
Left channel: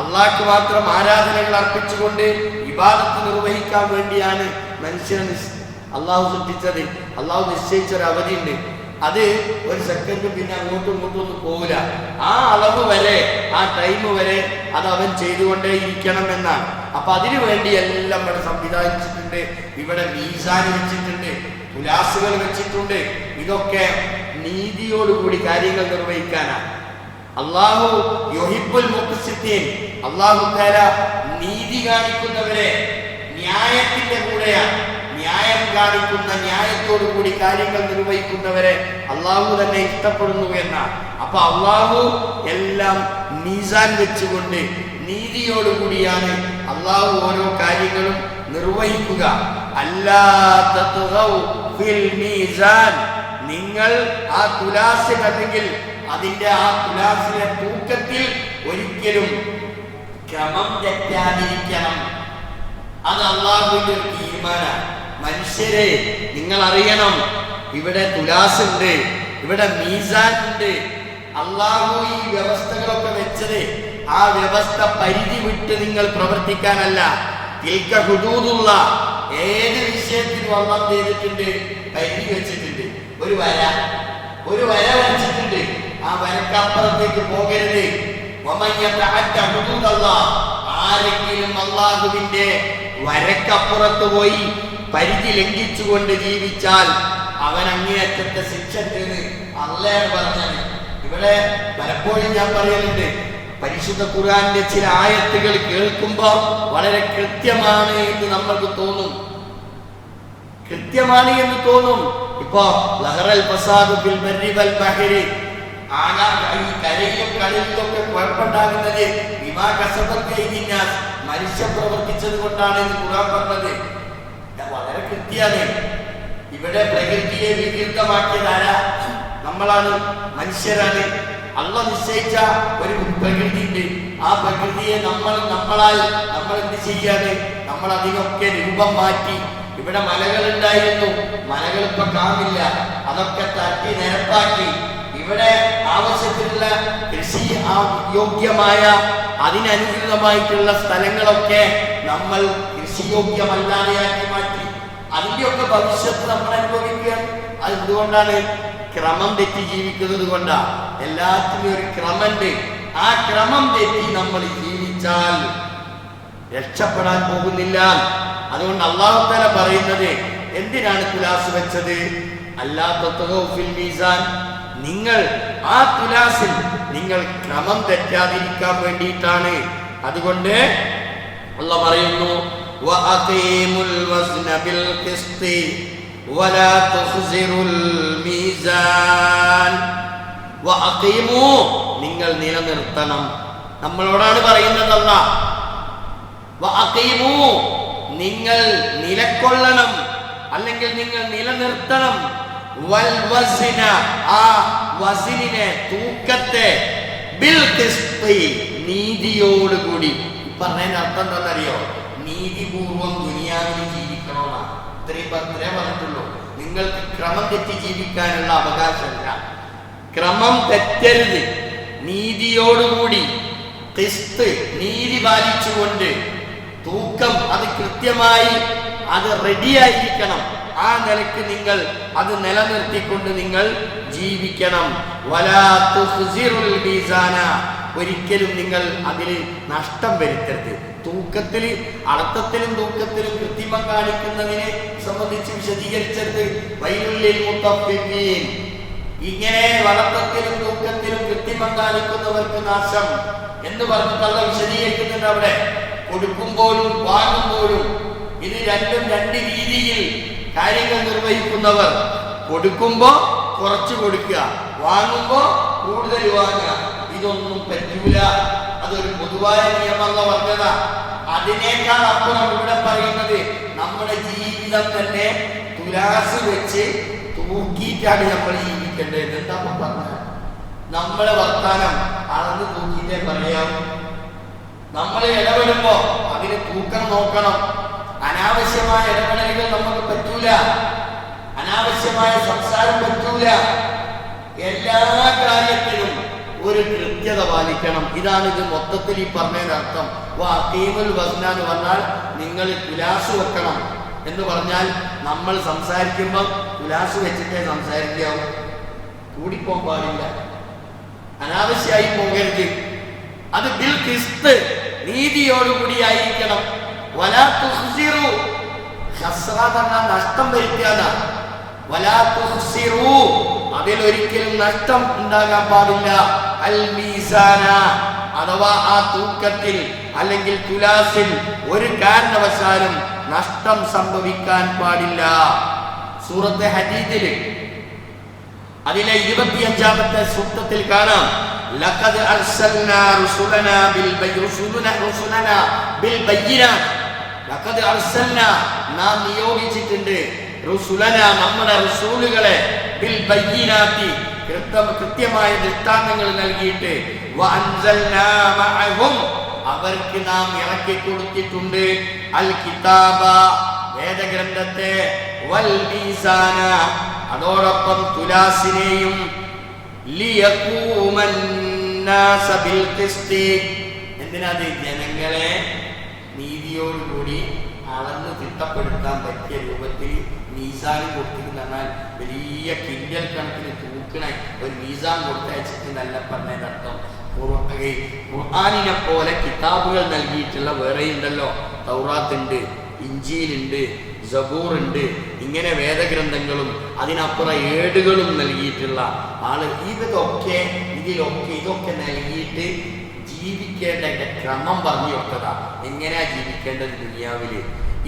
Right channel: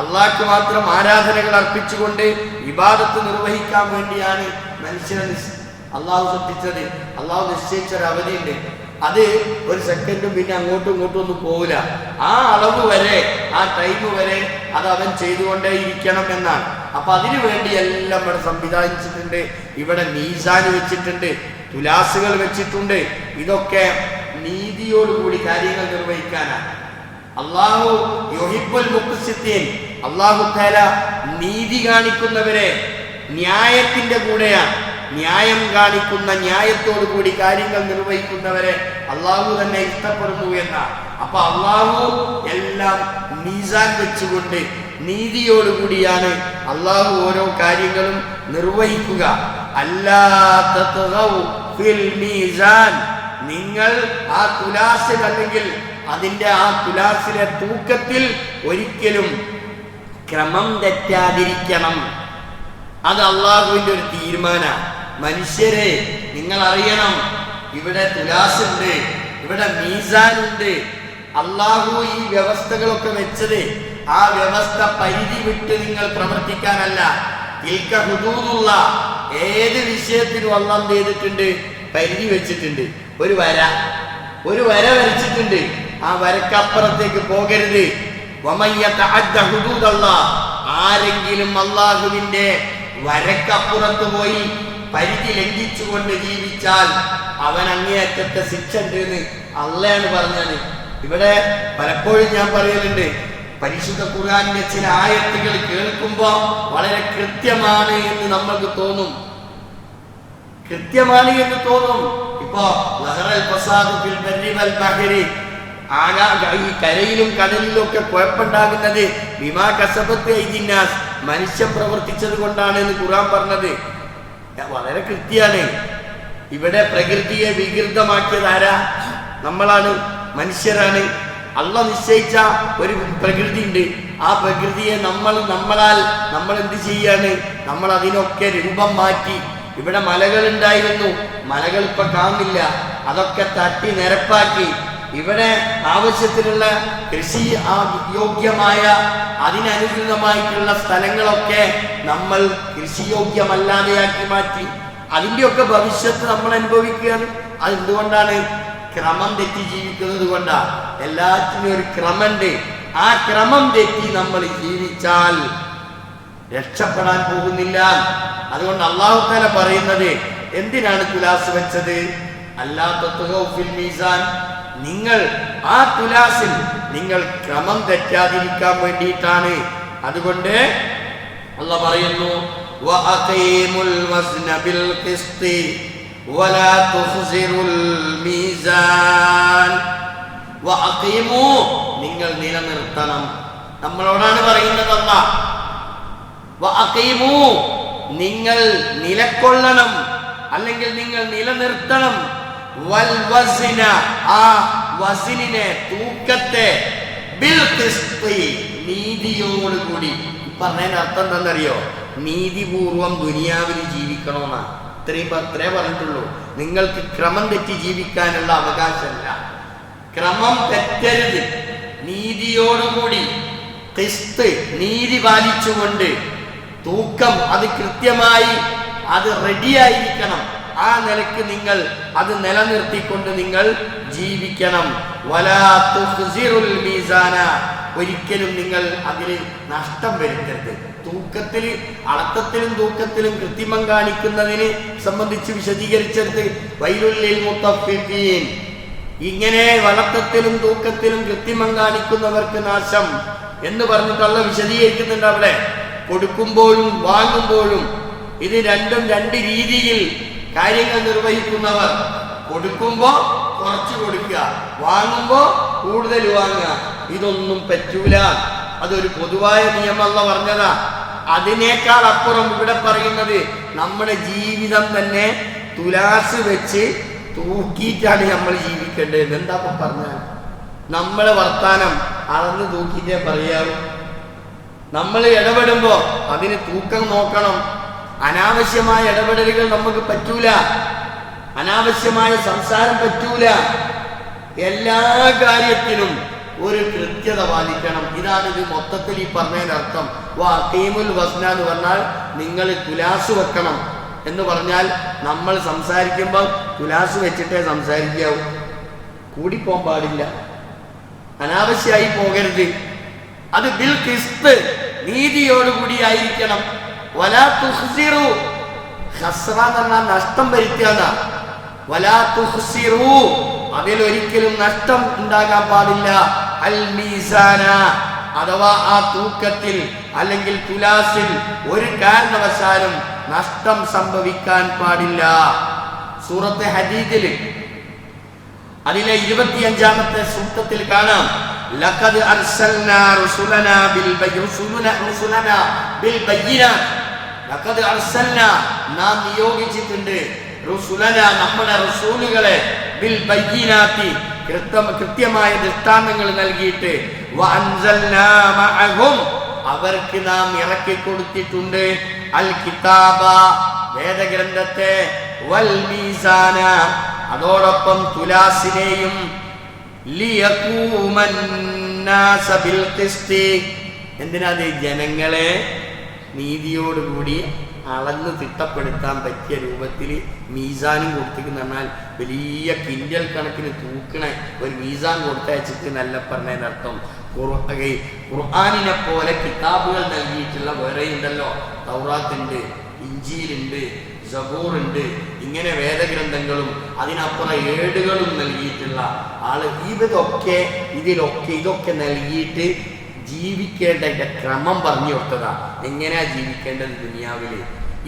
അള്ളാഹ്ക്ക് മാത്രം ആരാധനകൾ അർപ്പിച്ചുകൊണ്ട് ഇബാദത്ത് നിർവഹിക്കാൻ വേണ്ടിയാണ് മനുഷ്യനെ അള്ളാഹു സൃഷ്ടിച്ചത്. അള്ളാഹു നിശ്ചയിച്ചൊരു അവധിയുണ്ട്. അത് ഒരു സെക്കൻഡും പിന്നെ അങ്ങോട്ടും ഇങ്ങോട്ടും ഒന്നും പോവില്ല. ആ അളവ് വരെ, ആ ടൈം വരെ അത് അവൻ ചെയ്തുകൊണ്ടേ ഇരിക്കണം എന്നാണ്. അപ്പൊ അതിനു വേണ്ടി എല്ലാം ഇവിടെ സംവിധാനിച്ചിട്ടുണ്ട്. ഇവിടെ മീസാൻ വെച്ചിട്ടുണ്ട്, തുലാസുകൾ വെച്ചിട്ടുണ്ട്. ഇതൊക്കെ നീതിയോടുകൂടി കാര്യങ്ങൾ നിർവഹിക്കാനാണ്. അള്ളാഹു യുഹിബ്ബുൽ മുഖ്സിത്തീൻ. അള്ളാഹു തആല നീതി കാണിക്കുന്നവരെ ന്യായത്തിന്റെ കൂടെയാണ്. ന്യായം കാണിക്കുന്ന, ന്യായത്തോടു കൂടി കാര്യങ്ങൾ നിർവഹിക്കുന്നവരെ അള്ളാഹു തന്നെ ഇഷ്ടപ്പെടുന്നു എന്നാണ്. അപ്പൊ അള്ളാഹു എല്ലാം മീസാൻ വെച്ചുകൊണ്ട് നീതിയോടുകൂടിയാണ് അള്ളാഹു ഓരോ കാര്യങ്ങളും നിർവഹിക്കുക. അല്ലാ തത്ഗൗ ഫിൽ മീസാൻ. നിങ്ങൾ ആ തുലാസിൽ അല്ലെങ്കിൽ അതിന്റെ ആ തുലാസിലെ തൂക്കത്തിൽ ഒരിക്കലും ക്രമം തെറ്റാതിരിക്കണം. അത് അള്ളാഹുവിന്റെ ഒരു തീരുമാനമാണ്. മനുഷ്യരെ, നിങ്ങൾ അറിയണം, ഇവിടെ തുലാസുണ്ട്, ഇവിടെ മീസാനുണ്ട്. അള്ളാഹു ഈ വ്യവസ്ഥകളൊക്കെ വെച്ചത് ആ വ്യവസ്ഥ പരിധി വിട്ട് നിങ്ങൾ പ്രവർത്തിക്കാനല്ല. തിൽക ഹുദൂദുള്ള. ഏത് വിഷയത്തിനും അള്ളാഹ് ചെയ്തിട്ടുണ്ട്, പരിധി വെച്ചിട്ടുണ്ട്. ഒരു വര വരച്ചിട്ടുണ്ട്. ആ വരക്കപ്പുറത്തേക്ക് പോകരുത്. വമൻ യതഅദ്ദ ഹുദൂദല്ലാഹ്. ആരെങ്കിലും അള്ളാഹുവിന്റെ വരക്കപ്പുറത്ത് പോയി പരിധി ലംഘിച്ചുകൊണ്ട് ജീവിച്ചാൽ അവൻ അങ്ങേയറ്റത്തെ ശിക്ഷ ഉണ്ട് എന്ന് അള്ളയാണ് പറഞ്ഞത്. ഇവിടെ പലപ്പോഴും ഞാൻ പറയലുണ്ട്, പരിശുദ്ധ ഖുർആനിന്റെ ചില ആയത്തുകൾ കേൾക്കുമ്പോ വളരെ കൃത്യമാണ് എന്ന് നമ്മൾക്ക് തോന്നും. ഇപ്പോ ലഹറൽ ഫസാദു ഫിൽ ബർരി വൽ ബഹരി. ഈ കരയിലും കടലിലും ഒക്കെ കുഴപ്പമുണ്ടാകുന്നത് ബിമാ കസബത്ത് അയ്ദിന്നാസ്. മനുഷ്യൻ പ്രവർത്തിച്ചത് കൊണ്ടാണ് എന്ന് ഖുർആൻ പറഞ്ഞത്. വളരെ കൃത്യമാണ്. ഇവിടെ പ്രകൃതിയെ വികൃതമാക്കിയത് ആരാ? നമ്മളാണ്, മനുഷ്യരാണ്. അള്ളാഹ് നിശ്ചയിച്ച ഒരു പ്രകൃതി ഉണ്ട്. ആ പ്രകൃതിയെ നമ്മൾ എന്ത് ചെയ്യാണ്? നമ്മൾ അതിനൊക്കെ രൂപം മാറ്റി. ഇവിടെ മലകൾ ഉണ്ടായിരുന്നു, മലകൾ ഇപ്പൊ കാണില്ല. അതൊക്കെ തട്ടി നിരപ്പാക്കി ഇവിടെ ആവശ്യത്തിനുള്ള കൃഷി യോഗ്യമായ അതിനനുസൃതമായിട്ടുള്ള സ്ഥലങ്ങളൊക്കെ നമ്മൾ കൃഷിയോഗ്യമല്ലാതെയാക്കി മാറ്റി. അതിൻ്റെയൊക്കെ ഭവിഷ്യത്ത് നമ്മൾ അനുഭവിക്കുകയാണ്. അതെന്തുകൊണ്ടാണ്? ക്രമം തെറ്റി ജീവിക്കുന്നത് കൊണ്ടാണ്. എല്ലാറ്റിനും ഒരു ക്രമമുണ്ട്. ആ ക്രമം തെറ്റി നമ്മൾ ജീവിച്ചാൽ രക്ഷപ്പെടാൻ പോകുന്നില്ല. അതുകൊണ്ട് അല്ലാഹു തആല പറയുന്നത്, എന്തിനാണ് തുലാസ് വെച്ചത്? അല്ലാ തത്ഗൗ ഫിൽ മീസാൻ. നിങ്ങൾ ആ തുലാസിൽ നിങ്ങൾ ക്രമം തെറ്റാതിരിക്കാൻ വേണ്ടിയിട്ടാണ്. അതുകൊണ്ട് അല്ലാഹു പറയുന്നു, വഅഖീമുൽ വസ്ന ബിൽ ഖിസ്തി വലാ തുഖ്സിറുൽ മീസാൻ. വഅഖീമു, നിങ്ങൾ നിലനിർത്തണം. നമ്മളോടാണ് പറയുന്നത് അല്ലാഹ്. വഅഖീമു, നിങ്ങൾ നിലക്കൊള്ളണം, അല്ലെങ്കിൽ നിങ്ങൾ നിലനിർത്തണം. വൽ വസ്ന, ആ വസ്നിനെ, തൂക്കത്തെ, ബിൽ ഖിസ്തി, നീതിയോടുകൂടി. പറഞ്ഞതിന് അർത്ഥം എന്താണെന്നറിയോ? നീതിപൂർവം ദുനിയാവിൽ ജീവിക്കണമെന്നാണ്. അത്രേ പറഞ്ഞിട്ടുള്ളൂ. നിങ്ങൾക്ക് ക്രമം തെറ്റി ജീവിക്കാനുള്ള അവകാശമല്ല. ക്രമം തെറ്റരുത്. നീതിയോടുകൂടി ഖിസ്ത്, നീതി പാലിച്ചുകൊണ്ട് തൂക്കം അത് കൃത്യമായി അത് റെഡിയായിരിക്കണം. ആ നിലക്ക് നിങ്ങൾ അത് നിലനിർത്തിക്കൊണ്ട് നിങ്ങൾ ജീവിക്കണം. വലാ തുഖ്സിറുൽ മീസാന, ഒരിക്കലും നിങ്ങൾ അതിൽ നഷ്ടം വരുത്തരുത്. തൂക്കത്തിൽ, അളത്തത്തിലും തൂക്കത്തിലും കൃത്രിമം കാണിക്കുന്നതിനെ സംബന്ധിച്ച് വിശദീകരിച്ചെടുത്ത് വൈലുല്ലിൽ മുത്തഫ്ഫിഫീൻ, ഇങ്ങനെ വളത്തത്തിലും തൂക്കത്തിലും കൃത്രിമം കാണിക്കുന്നവർക്ക് നാശം എന്ന് പറഞ്ഞിട്ടുള്ള വിശദീകരിക്കുന്നുണ്ട്. അവിടെ കൊടുക്കുമ്പോഴും വാങ്ങുമ്പോഴും ഇത് രണ്ടും രണ്ട് രീതിയിൽ കാര്യങ്ങൾ നിർവഹിക്കുന്നവർ. കൊടുക്കുമ്പോൾ കുറച്ച് കൊടുക്കുക, വാങ്ങുമ്പോൾ കൂടുതൽ വാങ്ങുക. ഇതൊന്നും പറ്റൂല. അതൊരു പൊതുവായ നിയമമല്ല പറഞ്ഞതാ. അതിനേക്കാൾ അപ്പുറം ഇവിടെ പറയുന്നത് നമ്മുടെ ജീവിതം തന്നെ തുലാസ് വെച്ച് തൂക്കിയിട്ടാണ് നമ്മൾ ജീവിക്കേണ്ടത്. എന്താ പറഞ്ഞ നമ്മളെ വർത്താനം അളന്ന് തൂക്കിയിട്ടേ പറയാവും. നമ്മൾ ഇടപെടുമ്പോൾ അതിന് തൂക്കം നോക്കണം. അനാവശ്യമായ ഇടപെടലുകൾ നമുക്ക് പറ്റൂല. അനാവശ്യമായ സംസാരം പറ്റൂല. എല്ലാ കാര്യത്തിലും ഒരു കൃത്യത പാലിക്കണം. ഇതാണ് ഇത് മൊത്തത്തിൽ ഈ പറഞ്ഞതിൻ്റെ അർത്ഥം. വഖീമുൽ വസ്ന എന്ന് പറഞ്ഞാൽ നിങ്ങൾ തുലാസ് വെക്കണം എന്ന് പറഞ്ഞാൽ നമ്മൾ സംസാരിക്കുമ്പോൾ തുലാസ് വെച്ചിട്ടേ സംസാരിക്കാവൂ. കൂടിപ്പോകാൻ പാടില്ല, അനാവശ്യമായി പോകരുത്. അത് ബിൽ ഖിസ്ത്, നീതിയോടുകൂടി ആയിരിക്കണം. വലാ തുഖ്സിറു, ഖസ്റ എന്ന് പറഞ്ഞാൽ നഷ്ടം വരുത്തുക. വലാ തുഖ്സിറു, അതിലൊരിക്കലും നഷ്ടം ഉണ്ടാകാൻ പാടില്ല. അൽ മീസാന, അഥവാ ആ തൂക്കത്തിൽ അല്ലെങ്കിൽ തുലാസിൽ ഒരു കാരണവശാലും നഷ്ടം സംഭവിക്കാൻ പാടില്ല. സൂറത്തെ ഹദീദിൽ അതിലെ 25-ാമത്തെ സൂക്തത്തിൽ കാണാം, ലഖദ് അർസൽനാ റുസുലനാ ബിൽ ബയ്യിനാത്ത്. ലഖദ് അർസൽനാ, നാം നിയോഗിച്ചിട്ടുണ്ട്, റുസുലനാ, നമ്മുടെ റസൂലുകളെ, ബിൽ ബയ്യിനാത്തി, കൃത്യമായ ദൃഷ്ടാന്തങ്ങൾ നൽകിയിട്ട്, വഅൻസൽനാ മഅഹും, അവർക്ക് നാം ഇറക്കി കൊടുത്തിട്ടുണ്ട്, അൽ കിതാബ, വേദഗ്രന്ഥത്തെ, വൽ മീസാന, അതോടൊപ്പം തുലാസിനെയും, ലിയഖൂമന്നാസ ബിൽ ഖിസ്തി, എന്തിനാത്? ജനങ്ങളെ നീതിയോടുകൂടി അളന്ന് തിട്ടപ്പെടുത്താൻ പറ്റിയ രൂപത്തിൽ മീസാനും കൊടുത്തിരിക്കുന്ന പറഞ്ഞാൽ വലിയ കിൻഡൽ കണക്കിന് തൂക്കണ ഒരു മീസാൻ കൊടുത്തയച്ചിട്ട് നല്ല പറഞ്ഞതിൻ്റെ അർത്ഥം. ഖുർആനിനെ പോലെ കിതാബുകൾ നൽകിയിട്ടുള്ള വേറെയുണ്ടല്ലോ. തൗറാത്തുണ്ട്, ഇഞ്ചീലുണ്ട്, സബൂറുണ്ട്, ഇങ്ങനെ വേദഗ്രന്ഥങ്ങളും അതിനപ്പുറം ഏടുകളും നൽകിയിട്ടുള്ള ആള്. ഇതൊക്കെ നൽകിയിട്ട് ജീവിക്കേണ്ട ക്രമം പറഞ്ഞു കൊടുത്തതാ. എങ്ങനെയാ ജീവിക്കേണ്ടത് ദുനിയാവില്?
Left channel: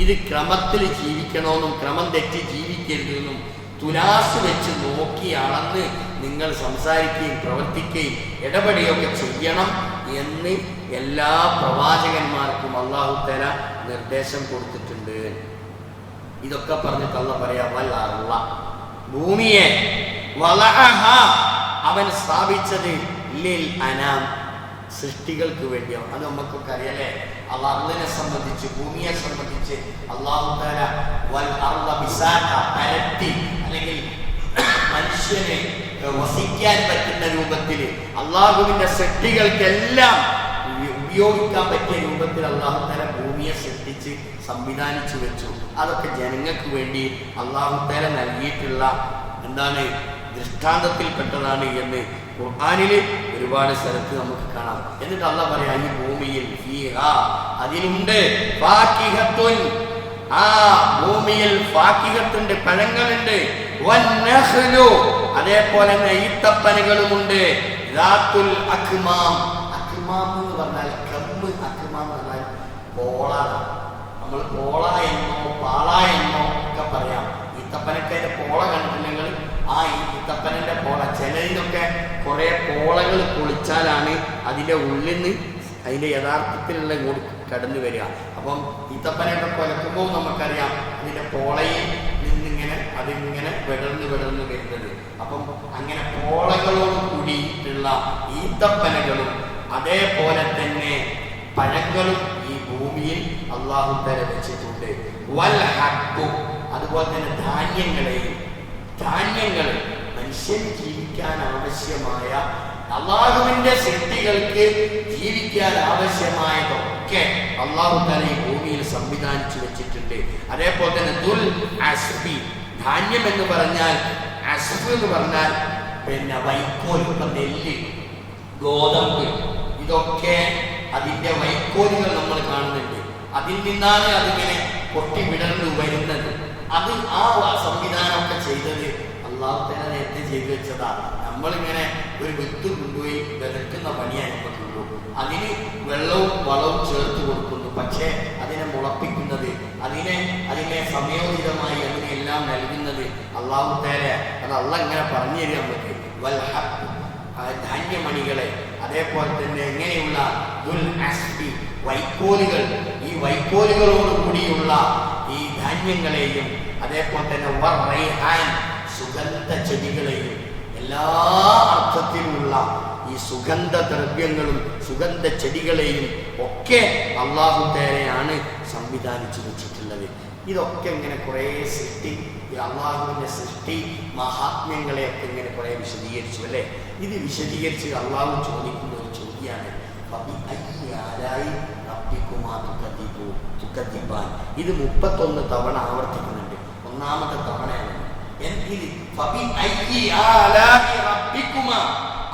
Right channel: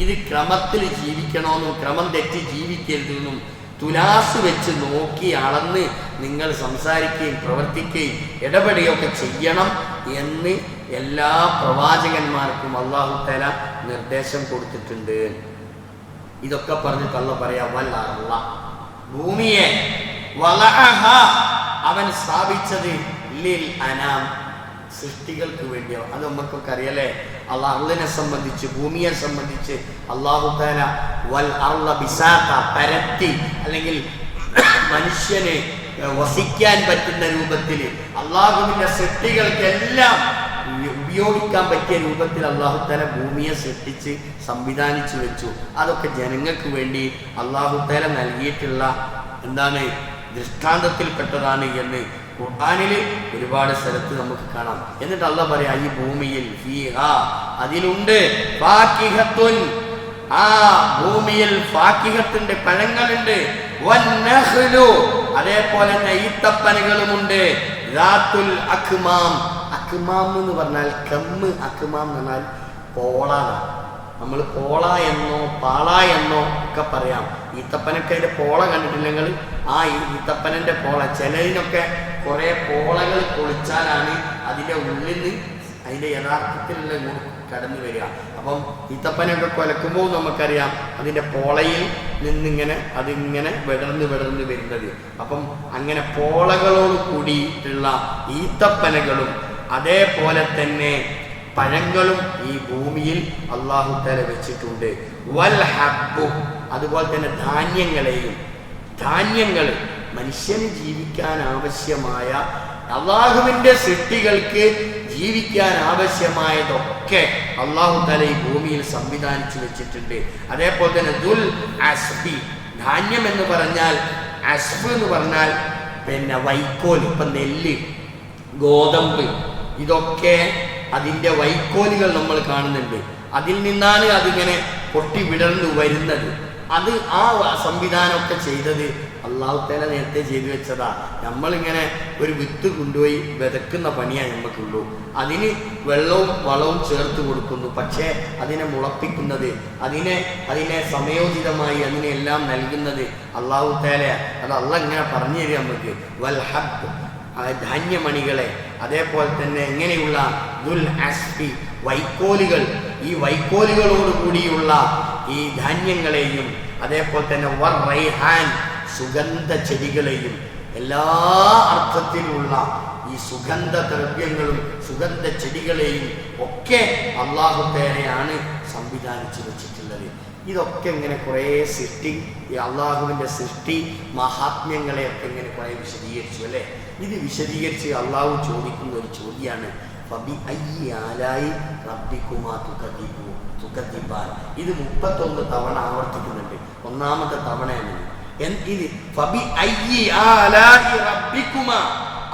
ഇത് ക്രമത്തിൽ ജീവിക്കണമെന്നും ക്രമം തെറ്റി ജീവിക്കരുതെന്നും തുലാസ് വെച്ച് നോക്കി അളന്ന് നിങ്ങൾ സംസാരിക്കുകയും പ്രവർത്തിക്കുകയും ഇടപെടുകയൊക്കെ ചെയ്യണം എന്ന് എല്ലാ പ്രവാചകന്മാർക്കും അല്ലാഹു തആല നിർദ്ദേശം കൊടുത്തിട്ടുണ്ട്. ഇതൊക്കെ പറഞ്ഞിട്ട് അല്ലാഹ് പറയാ, വൽ അർള, ഭൂമിയെ, വളഅഹ, അവൻ സ്ഥാപിച്ചത്, ലിൽ അനാം, സൃഷ്ടികൾക്ക് വേണ്ടിയാണ്. അത് നമുക്കൊക്കെ അറിയല്ലേ. അള്ളാഹുവിനെ സംബന്ധിച്ച്, ഭൂമിയെ സംബന്ധിച്ച് അല്ലാഹു തആല വൽ അർള ബിസാത, പരത്തി, അല്ലെങ്കിൽ മനുഷ്യനെ വസിക്കാൻ പറ്റുന്ന രൂപത്തിൽ അള്ളാഹുവിൻ്റെ സൃഷ്ടികൾക്കെല്ലാം ഉപയോഗിക്കാൻ പറ്റിയ രൂപത്തിൽ അല്ലാഹു തആല ഭൂമിയെ സൃഷ്ടിച്ച് സംവിധാനിച്ചു വെച്ചു. അതൊക്കെ ജനങ്ങൾക്ക് വേണ്ടി അല്ലാഹു തആല നൽകിയിട്ടുള്ള ദൃഷ്ടാന്തത്തിൽപ്പെട്ടതാണ് എന്ന് ഖുർആനിൽ ഒരുപാട് സ്ഥലത്ത് നമുക്ക് കാണാം. എന്നിട്ട് അല്ലാഹ് പറയാ, ഈ ഭൂമിയിൽ ഫീഹാ, അതിലുണ്ട്, ഫാക്കിഹത്തുൻ, ആ ഭൂമിയിൽ ഫാക്കിഹത്തുണ്ട്, പഴങ്ങളുണ്ട്, വന്നഖ്ലു, അതേപോലെ തന്നെ ഈത്തപ്പനകളുമുണ്ട്, ദാത്തുൽ അക്മാം. അക്മാം എന്ന് പറഞ്ഞാൽ കമ്മ്, അക്മാം എന്ന് പറഞ്ഞാൽ പോളാണ്. നമ്മൾ പോള എന്നോ പാള എന്നോ ഒക്കെ പറയാം. ഈത്തപ്പനൊക്കെ അതിൻ്റെ പോള കണ്ടിട്ടില്ലെങ്കിൽ ആ ഈത്തപ്പനൻ്റെ പോള, ചിലതിനൊക്കെ കുറേ പോളകൾ പൊളിച്ചാലാണ് അതിൻ്റെ ഉള്ളിൽ നിന്ന് അതിൻ്റെ യഥാർത്ഥത്തിലുള്ള ഇങ്ങോട്ട് കടന്നു വരിക. അപ്പം ഈത്തപ്പനൊക്കെ കുലക്കുമ്പോൾ നമുക്കറിയാം അതിൻ്റെ പോളയിൽ നിന്നിങ്ങനെ അതിങ്ങനെ വിടർന്ന് വരുന്നത്. അപ്പം അങ്ങനെ പോളകളോട് കൂടിയിട്ടുള്ള ഈത്തപ്പനകളും അതേപോലെ തന്നെ പഴങ്ങളും ഈ ഭൂമിയിൽ അല്ലാഹു തആല വെച്ചിട്ടുണ്ട്. വൽ ഹബ്ബു, അതുപോലെ തന്നെ ധാന്യങ്ങൾ മനുഷ്യന് ജീവിക്കാൻ ആവശ്യമായ, അള്ളാഹുവിൻ്റെ സൃഷ്ടികൾക്ക് ജീവിക്കാൻ ആവശ്യമായതൊക്കെ അല്ലാഹു തആല ഈ ഭൂമിയിൽ സംവിധാനിച്ചു വെച്ചിട്ടുണ്ട്. അതേപോലെ തന്നെ ദുൽ അസ്ബി, ധാന്യം എന്ന് പറഞ്ഞാൽ, അസ്ബ് എന്ന് പറഞ്ഞാൽ പിന്നെ വൈക്കോൽ. ഇപ്പം നെല്ല്, ഗോതമ്പ്, ഇതൊക്കെ അതിൻ്റെ വൈക്കോലുകൾ നമ്മൾ കാണുന്നുണ്ട്. അതിൽ നിന്നാണ് അതിങ്ങനെ പൊട്ടി വിടർന്നു വരുന്നത്. അത് ആ സംവിധാനമൊക്കെ ചെയ്തത് അല്ലാഹു തആല നേരത്തെ ചെയ്തു വെച്ചതാ. നമ്മളിങ്ങനെ ഒരു വിത്ത് കൊണ്ടുപോയി വിതക്കുന്ന പണിയാണ് നമുക്കുള്ളൂ. അതിന് വെള്ളവും വളവും ചേർത്ത് കൊടുക്കുന്നു. പക്ഷേ അതിനെ മുളപ്പിക്കുന്നത്, അതിനെ സമയോചിതമായി അതിനെല്ലാം നൽകുന്നത് അല്ലാഹു തആലയാ. അത് അല്ലാഹ് ഇങ്ങനെ പറഞ്ഞു തരിക നമുക്ക്. വൽ ഹബ്ബ്, ധാന്യമണികളെ, അതേപോലെ തന്നെ എങ്ങനെയുള്ള ദുൽ അസ്ഫി, വൈക്കോലുകൾ, ഈ വൈക്കോലുകളോട് കൂടിയുള്ള ഈ ധാന്യങ്ങളെയും, അതേപോലെ തന്നെ വർ റൈഹാൻ, സുഗന്ധ ചെടികളെയും, എല്ലാ അർത്ഥത്തിലുള്ള ഈ സുഗന്ധ ദ്രവ്യങ്ങളും സുഗന്ധ ചെടികളെയും ഒക്കെ അല്ലാഹു തആലയാണ് സംവിധാനിച്ചു വെച്ചിട്ടുള്ളത്. ഇതൊക്കെ ഇങ്ങനെ കുറേ സൃഷ്ടി, ഈ അള്ളാഹുവിൻ്റെ സൃഷ്ടി മഹാത്മ്യങ്ങളെയൊക്കെ ഇങ്ങനെ കുറേ വിശദീകരിച്ചു അല്ലേ. ഇത് വിശദീകരിച്ച് അള്ളാഹു ചോദിക്കുന്ന ഒരു ചോദ്യമാണ്, ഫബി അയ്യി ആലായി റബ്ബിക്കുമാ തുകദ്ദിബാൻ. ഇത് 31 തവണ ആവർത്തിക്കുന്നുണ്ട്. ഒന്നാമത്തെ തവണയാണ് ഇത്. ഫബി അയ്യി ആലായി റബ്ബിക്കുമാ.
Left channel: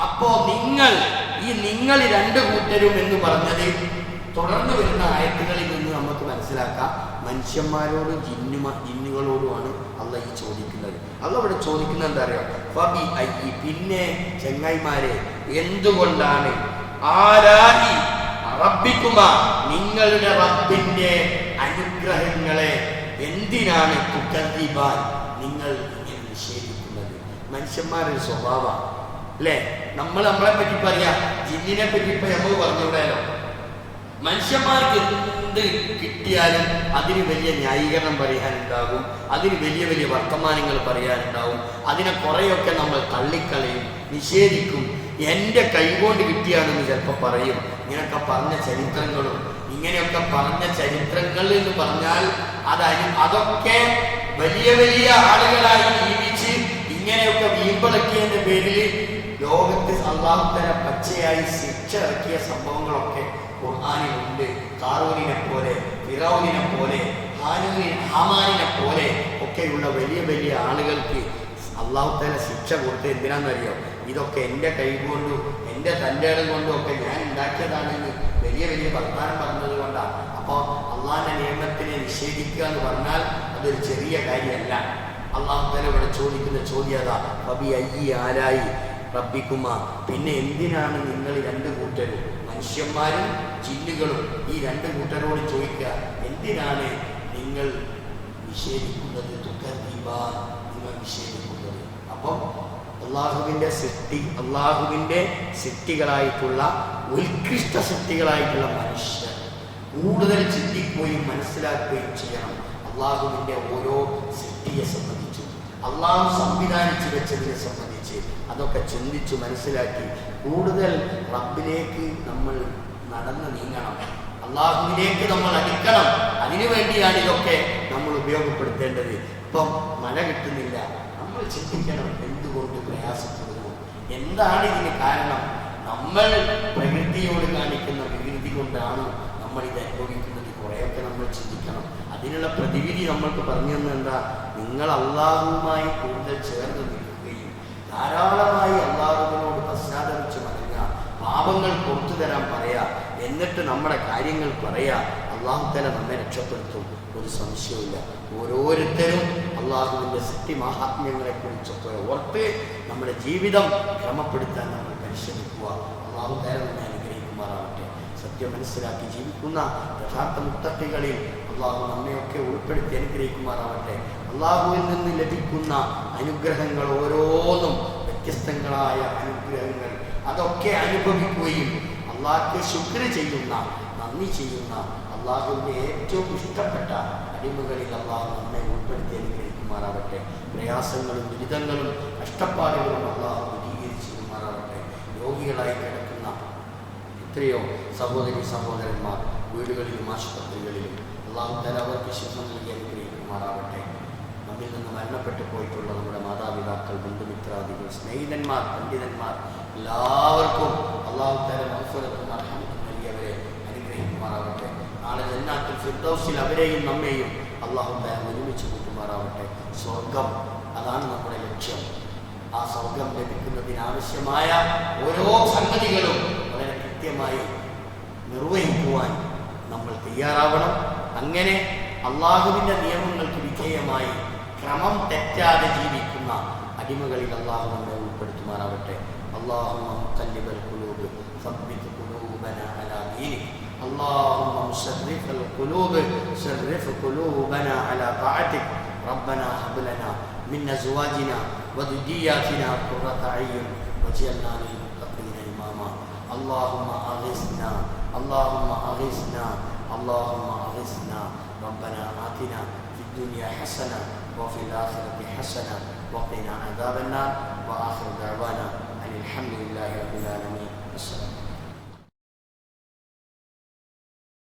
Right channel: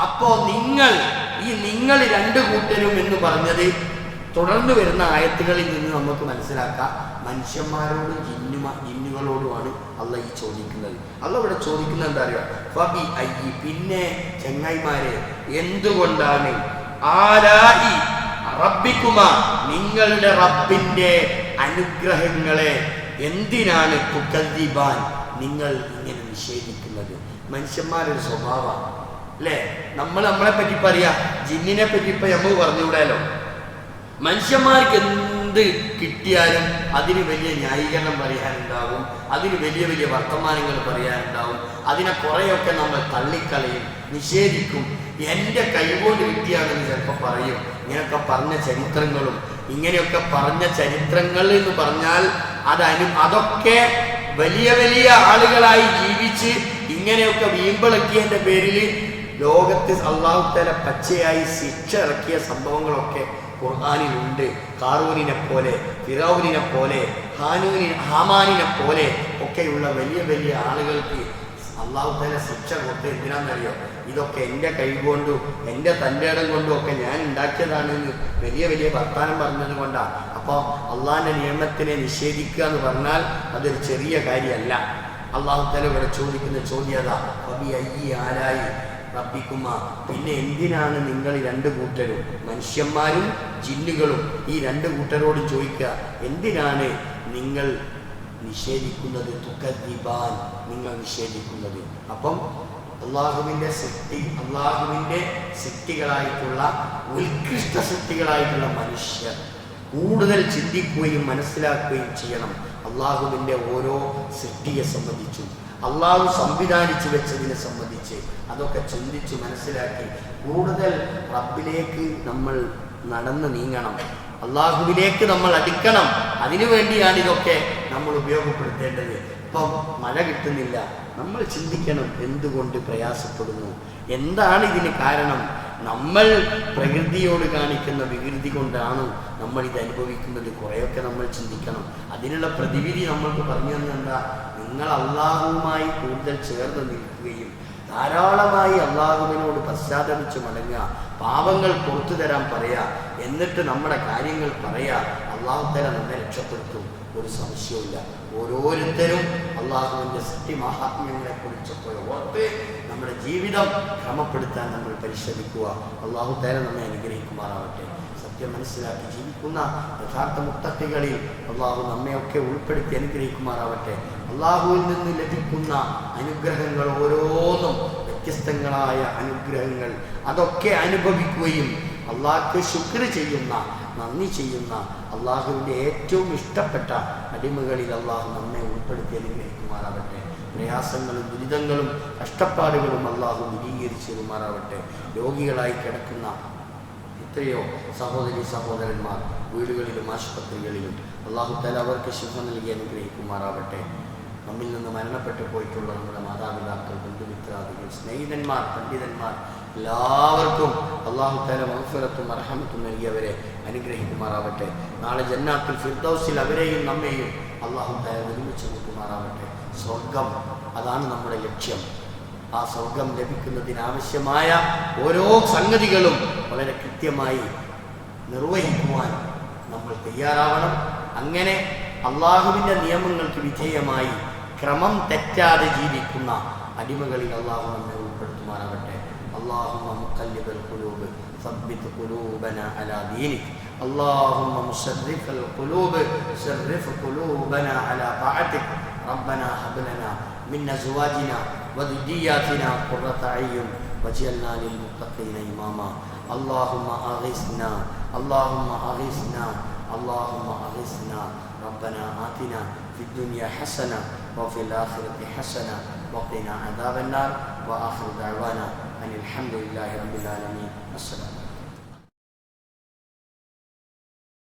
അപ്പോ നിങ്ങൾ രണ്ട് കൂട്ടരും എന്ന് പറഞ്ഞത് തുടർന്ന് വരുന്ന ആയത്തുകളിൽ നിന്ന് നമുക്ക് മനസ്സിലാക്കാം, മനുഷ്യന്മാരോടും ജിന്നുകളോടുമാണ് അള്ളാഹ് ഈ ചോദിക്കുന്നത്. അള്ളാഹ് ഇവിടെ ചോദിക്കുന്നത് എന്താ അറിയോ? ഫബി അയ്യി, പിന്നെ ചങ്ങായിമാരെ, എന്തുകൊണ്ടാണ്, ആലായി റബ്ബിക്കുമാ, നിങ്ങളുടെ റബ്ബിന്റെ അനുഗ്രഹങ്ങളെ എന്തിനാണ് തുകദ്ദിബാൻ, നിങ്ങൾ ഇങ്ങനെ നിഷേധിക്കുന്നത്? മനുഷ്യന്മാരൊരു സ്വഭാവമാണ് അല്ലേ. നമ്മളെ പറ്റി പറയാ, ജിന്നിനെ പറ്റി ഇപ്പൊ നമുക്ക് പറഞ്ഞുകൂടാലോ. മനുഷ്യന്മാർക്ക് എന്ത് കിട്ടിയാലും അതിന് വലിയ ന്യായീകരണം പറയാനുണ്ടാകും, അതിന് വലിയ വലിയ വർത്തമാനങ്ങൾ പറയാനുണ്ടാവും. അതിനെ കുറേയൊക്കെ നമ്മൾ തള്ളിക്കളയും, നിഷേധിക്കും. എൻ്റെ കൈകൊണ്ട് കിട്ടിയാണെന്ന് ചിലപ്പോൾ പറയും. ഇങ്ങനെയൊക്കെ പറഞ്ഞ ചരിത്രങ്ങളും, ഇങ്ങനെയൊക്കെ പറഞ്ഞ ചരിത്രങ്ങൾ എന്ന് പറഞ്ഞാൽ അതൊക്കെ വലിയ വലിയ ആളുകളായി ജീവിച്ച് ഇങ്ങനെയൊക്കെ വീമ്പളക്കിയതിൻ്റെ പേരിൽ ലോകത്ത് അല്ലാഹു തആല പച്ചയായി ശിക്ഷ ഇറക്കിയ സംഭവങ്ങളൊക്കെ ഖുർആനിലുണ്ട്. ഖാറൂനിനെ പോലെ, ഫിറൗനിനെ പോലെ, ഹാമാനിനെ പോലെ ഒക്കെയുള്ള വലിയ വലിയ ആളുകൾക്ക് അല്ലാഹു തആല ശിക്ഷ കൊടുത്ത് എന്തിനാണെന്നറിയോ? ഇതൊക്കെ എൻ്റെ കൈകൊണ്ടും എൻ്റെ തൻ്റെ ഇടം കൊണ്ടും ഒക്കെ ഞാൻ ഉണ്ടാക്കിയതാണെന്ന് വലിയ വലിയ വർത്താനം പറഞ്ഞത് കൊണ്ടാണ്. അപ്പോൾ അള്ളാഹിൻ്റെ നിയമത്തിനെ നിഷേധിക്കുക എന്ന് പറഞ്ഞാൽ അതൊരു ചെറിയ കാര്യമല്ല. അല്ലാഹു തആല ഇവിടെ ചോദിക്കുന്ന ചോദ്യം അതാ, ഫബി അയ്യി ആലായി റബ്ബിക്കുമ, പിന്നെ എന്തിനാണ് നിങ്ങൾ രണ്ട് കൂട്ടരും, മനുഷ്യന്മാരും ജിന്നുകളും, ഈ രണ്ട് കൂട്ടരോട് ചോദിക്കുക, എന്തിനാണ് നിങ്ങൾ നിഷേധിക്കുന്നത്? തുകദ്ദിബാൻ, നിങ്ങൾ നിഷേധിക്കുന്നത്. അപ്പം അള്ളാഹുവിൻ്റെ സൃഷ്ടികളായിട്ടുള്ള ഉത്കൃഷ്ട സൃഷ്ടികളായിട്ടുള്ള മനുഷ്യർ കൂടുതൽ ചിന്തിക്കുകയും മനസ്സിലാക്കുകയും ചെയ്യണം അള്ളാഹുവിൻ്റെ ഓരോ സൃഷ്ടിയെ സംബന്ധിച്ചും, അള്ളാഹു സംവിധാനിച്ചു വെച്ചതിനെ സംബന്ധിച്ച്. അതൊക്കെ ചിന്തിച്ചു മനസ്സിലാക്കി കൂടുതൽ റബ്ബിലേക്ക് നമ്മൾ നടന്ന് നീങ്ങണം, അള്ളാഹുവിലേക്ക് നമ്മൾ അടുക്കണം. അതിനു വേണ്ടിയാണ് ഇതൊക്കെ നമ്മൾ ഉപയോഗപ്പെടുത്തേണ്ടത്. ഇപ്പം മഴ കിട്ടുന്നില്ല, നമ്മൾ ചിന്തിക്കണം എന്തുകൊണ്ട് പ്രയാസപ്പെടുന്നു, എന്താണ് ഇതിന് കാരണം? നമ്മൾ പ്രകൃതിയോട് കാണിക്കുന്ന വികൃതി കൊണ്ടാണ് നമ്മൾ ഇത് അനുഭവിക്കുന്നത്. കുറേയൊക്കെ നമ്മൾ ചിന്തിക്കണം. അതിനുള്ള പ്രതിവിധി നമ്മൾക്ക് പറഞ്ഞു തന്നത് എന്താ? നിങ്ങൾ അള്ളാഹുവുമായി കൂടുതൽ ചേർന്ന് നിൽക്കുകയും ധാരാളമായി അള്ളാഹുവിനോട് പശ്ചാത്തപിച്ച് മടങ്ങുക, പാപങ്ങൾ പുറത്തു തരാൻ പറയുക, എന്നിട്ട് നമ്മുടെ കാര്യങ്ങൾ പറയുക. അള്ളാഹു തആല നമ്മെ രക്ഷപ്പെടുത്തും, ഒരു സംശയവുമില്ല. ഓരോരുത്തരും അള്ളാഹുവിൻ്റെ സൃഷ്ടി മഹാത്മ്യങ്ങളെക്കുറിച്ചൊക്കെ ഓർത്ത് നമ്മുടെ ജീവിതം ക്രമപ്പെടുത്താൻ നമ്മൾ പരിശ്രമിക്കുക. അള്ളാഹു തആല നമ്മെ അനുഗ്രഹിക്കുമാറാവട്ടെ. സത്യം മനസ്സിലാക്കി ജീവിക്കുന്ന യഥാർത്ഥ മുത്തഖികളിൽ അള്ളാഹു നമ്മയൊക്കെ ഉൾപ്പെടുത്തി അനുഗ്രഹിക്കുമാറാവട്ടെ. അള്ളാഹുവിൽ നിന്ന് ലഭിക്കുന്ന അനുഗ്രഹങ്ങൾ ഓരോന്നും വ്യത്യസ്തങ്ങളായ അനുഗ്രഹങ്ങൾ, അതൊക്കെ അനുഭവിക്കുകയും അള്ളാഹ്ക്ക് ശുക്ർ ചെയ്യുന്ന, നന്ദി ചെയ്യുന്ന, അള്ളാഹുവിൻ്റെ ഏറ്റവും ഇഷ്ടപ്പെട്ട അടിമകളിൽ അള്ളാഹു നമ്മെ ഉൾപ്പെടുത്തി അനുഗ്രഹിക്കുമാറാവട്ടെ. പ്രയാസങ്ങളും ദുരിതങ്ങളും കഷ്ടപ്പാടുകളും അള്ളാഹു ദൂരീകരിച്ചു തരുമാറാവട്ടെ. രോഗികളായി കിടക്കുന്ന എത്രയോ സഹോദരി സഹോദരന്മാർ വീടുകളിലും ആശുപത്രികളിലും അല്ലാഹു തആല അവർക്ക് ശിഫ നൽകി അനുഗ്രഹിക്കുമാറാവട്ടെ. നമ്മിൽ നിന്ന് മരണപ്പെട്ടു പോയിട്ടുള്ള നമ്മുടെ മാതാപിതാക്കൾ, ബന്ധുമിത്രാദികൾ, സ്നേഹിതന്മാർ, പണ്ഡിതന്മാർ എല്ലാവർക്കും അല്ലാഹു തആല മഗ്ഫിറത്തും റഹ്മത്തും നൽകിയവരെ അനുഗ്രഹിക്കുമാറാവട്ടെ. നാളെ ജന്നാത്തുൽ ഫിർദൗസിൽ അവരെയും നമ്മെയും അല്ലാഹു തആല ഒരുമിച്ച് കൂട്ടുമാറാവട്ടെ. സ്വർഗം അതാണ് നമ്മുടെ ലക്ഷ്യം. ആ സ്വർഗം ലഭിക്കുന്നതിനാവശ്യമായ ഓരോ സംഗതികളും വളരെ കൃത്യമായി നിർവഹിക്കുവാൻ നമ്മൾ തയ്യാറാവണം. അങ്ങനെ അള്ളാഹുവിൻ്റെ നിയമങ്ങൾക്ക് വിധേയമായി ക്രമം തെറ്റാതെ ജീവിക്കുന്ന അടിമകളിൽ അള്ളാഹു നമ്മെ ഉൾപ്പെടുത്തുമാറാവട്ടെ. اللهم مقلب القلوب ثبت قلوبنا على دينك. اللهم مصرف القلوب صرف قلوبنا على طاعتك. ربنا هب لنا من ازواجنا وذرياتنا قرة اعين واجعلنا للمتقين اماما. اللهم اغثنا اللهم اغثنا اللهم اغثنا. ربنا آتنا في الدنيا حسنة وفي الآخرة حسنة وقنا عذاب النار. وآخر دعوانا أن الحمد لله رب العالمين. السلام.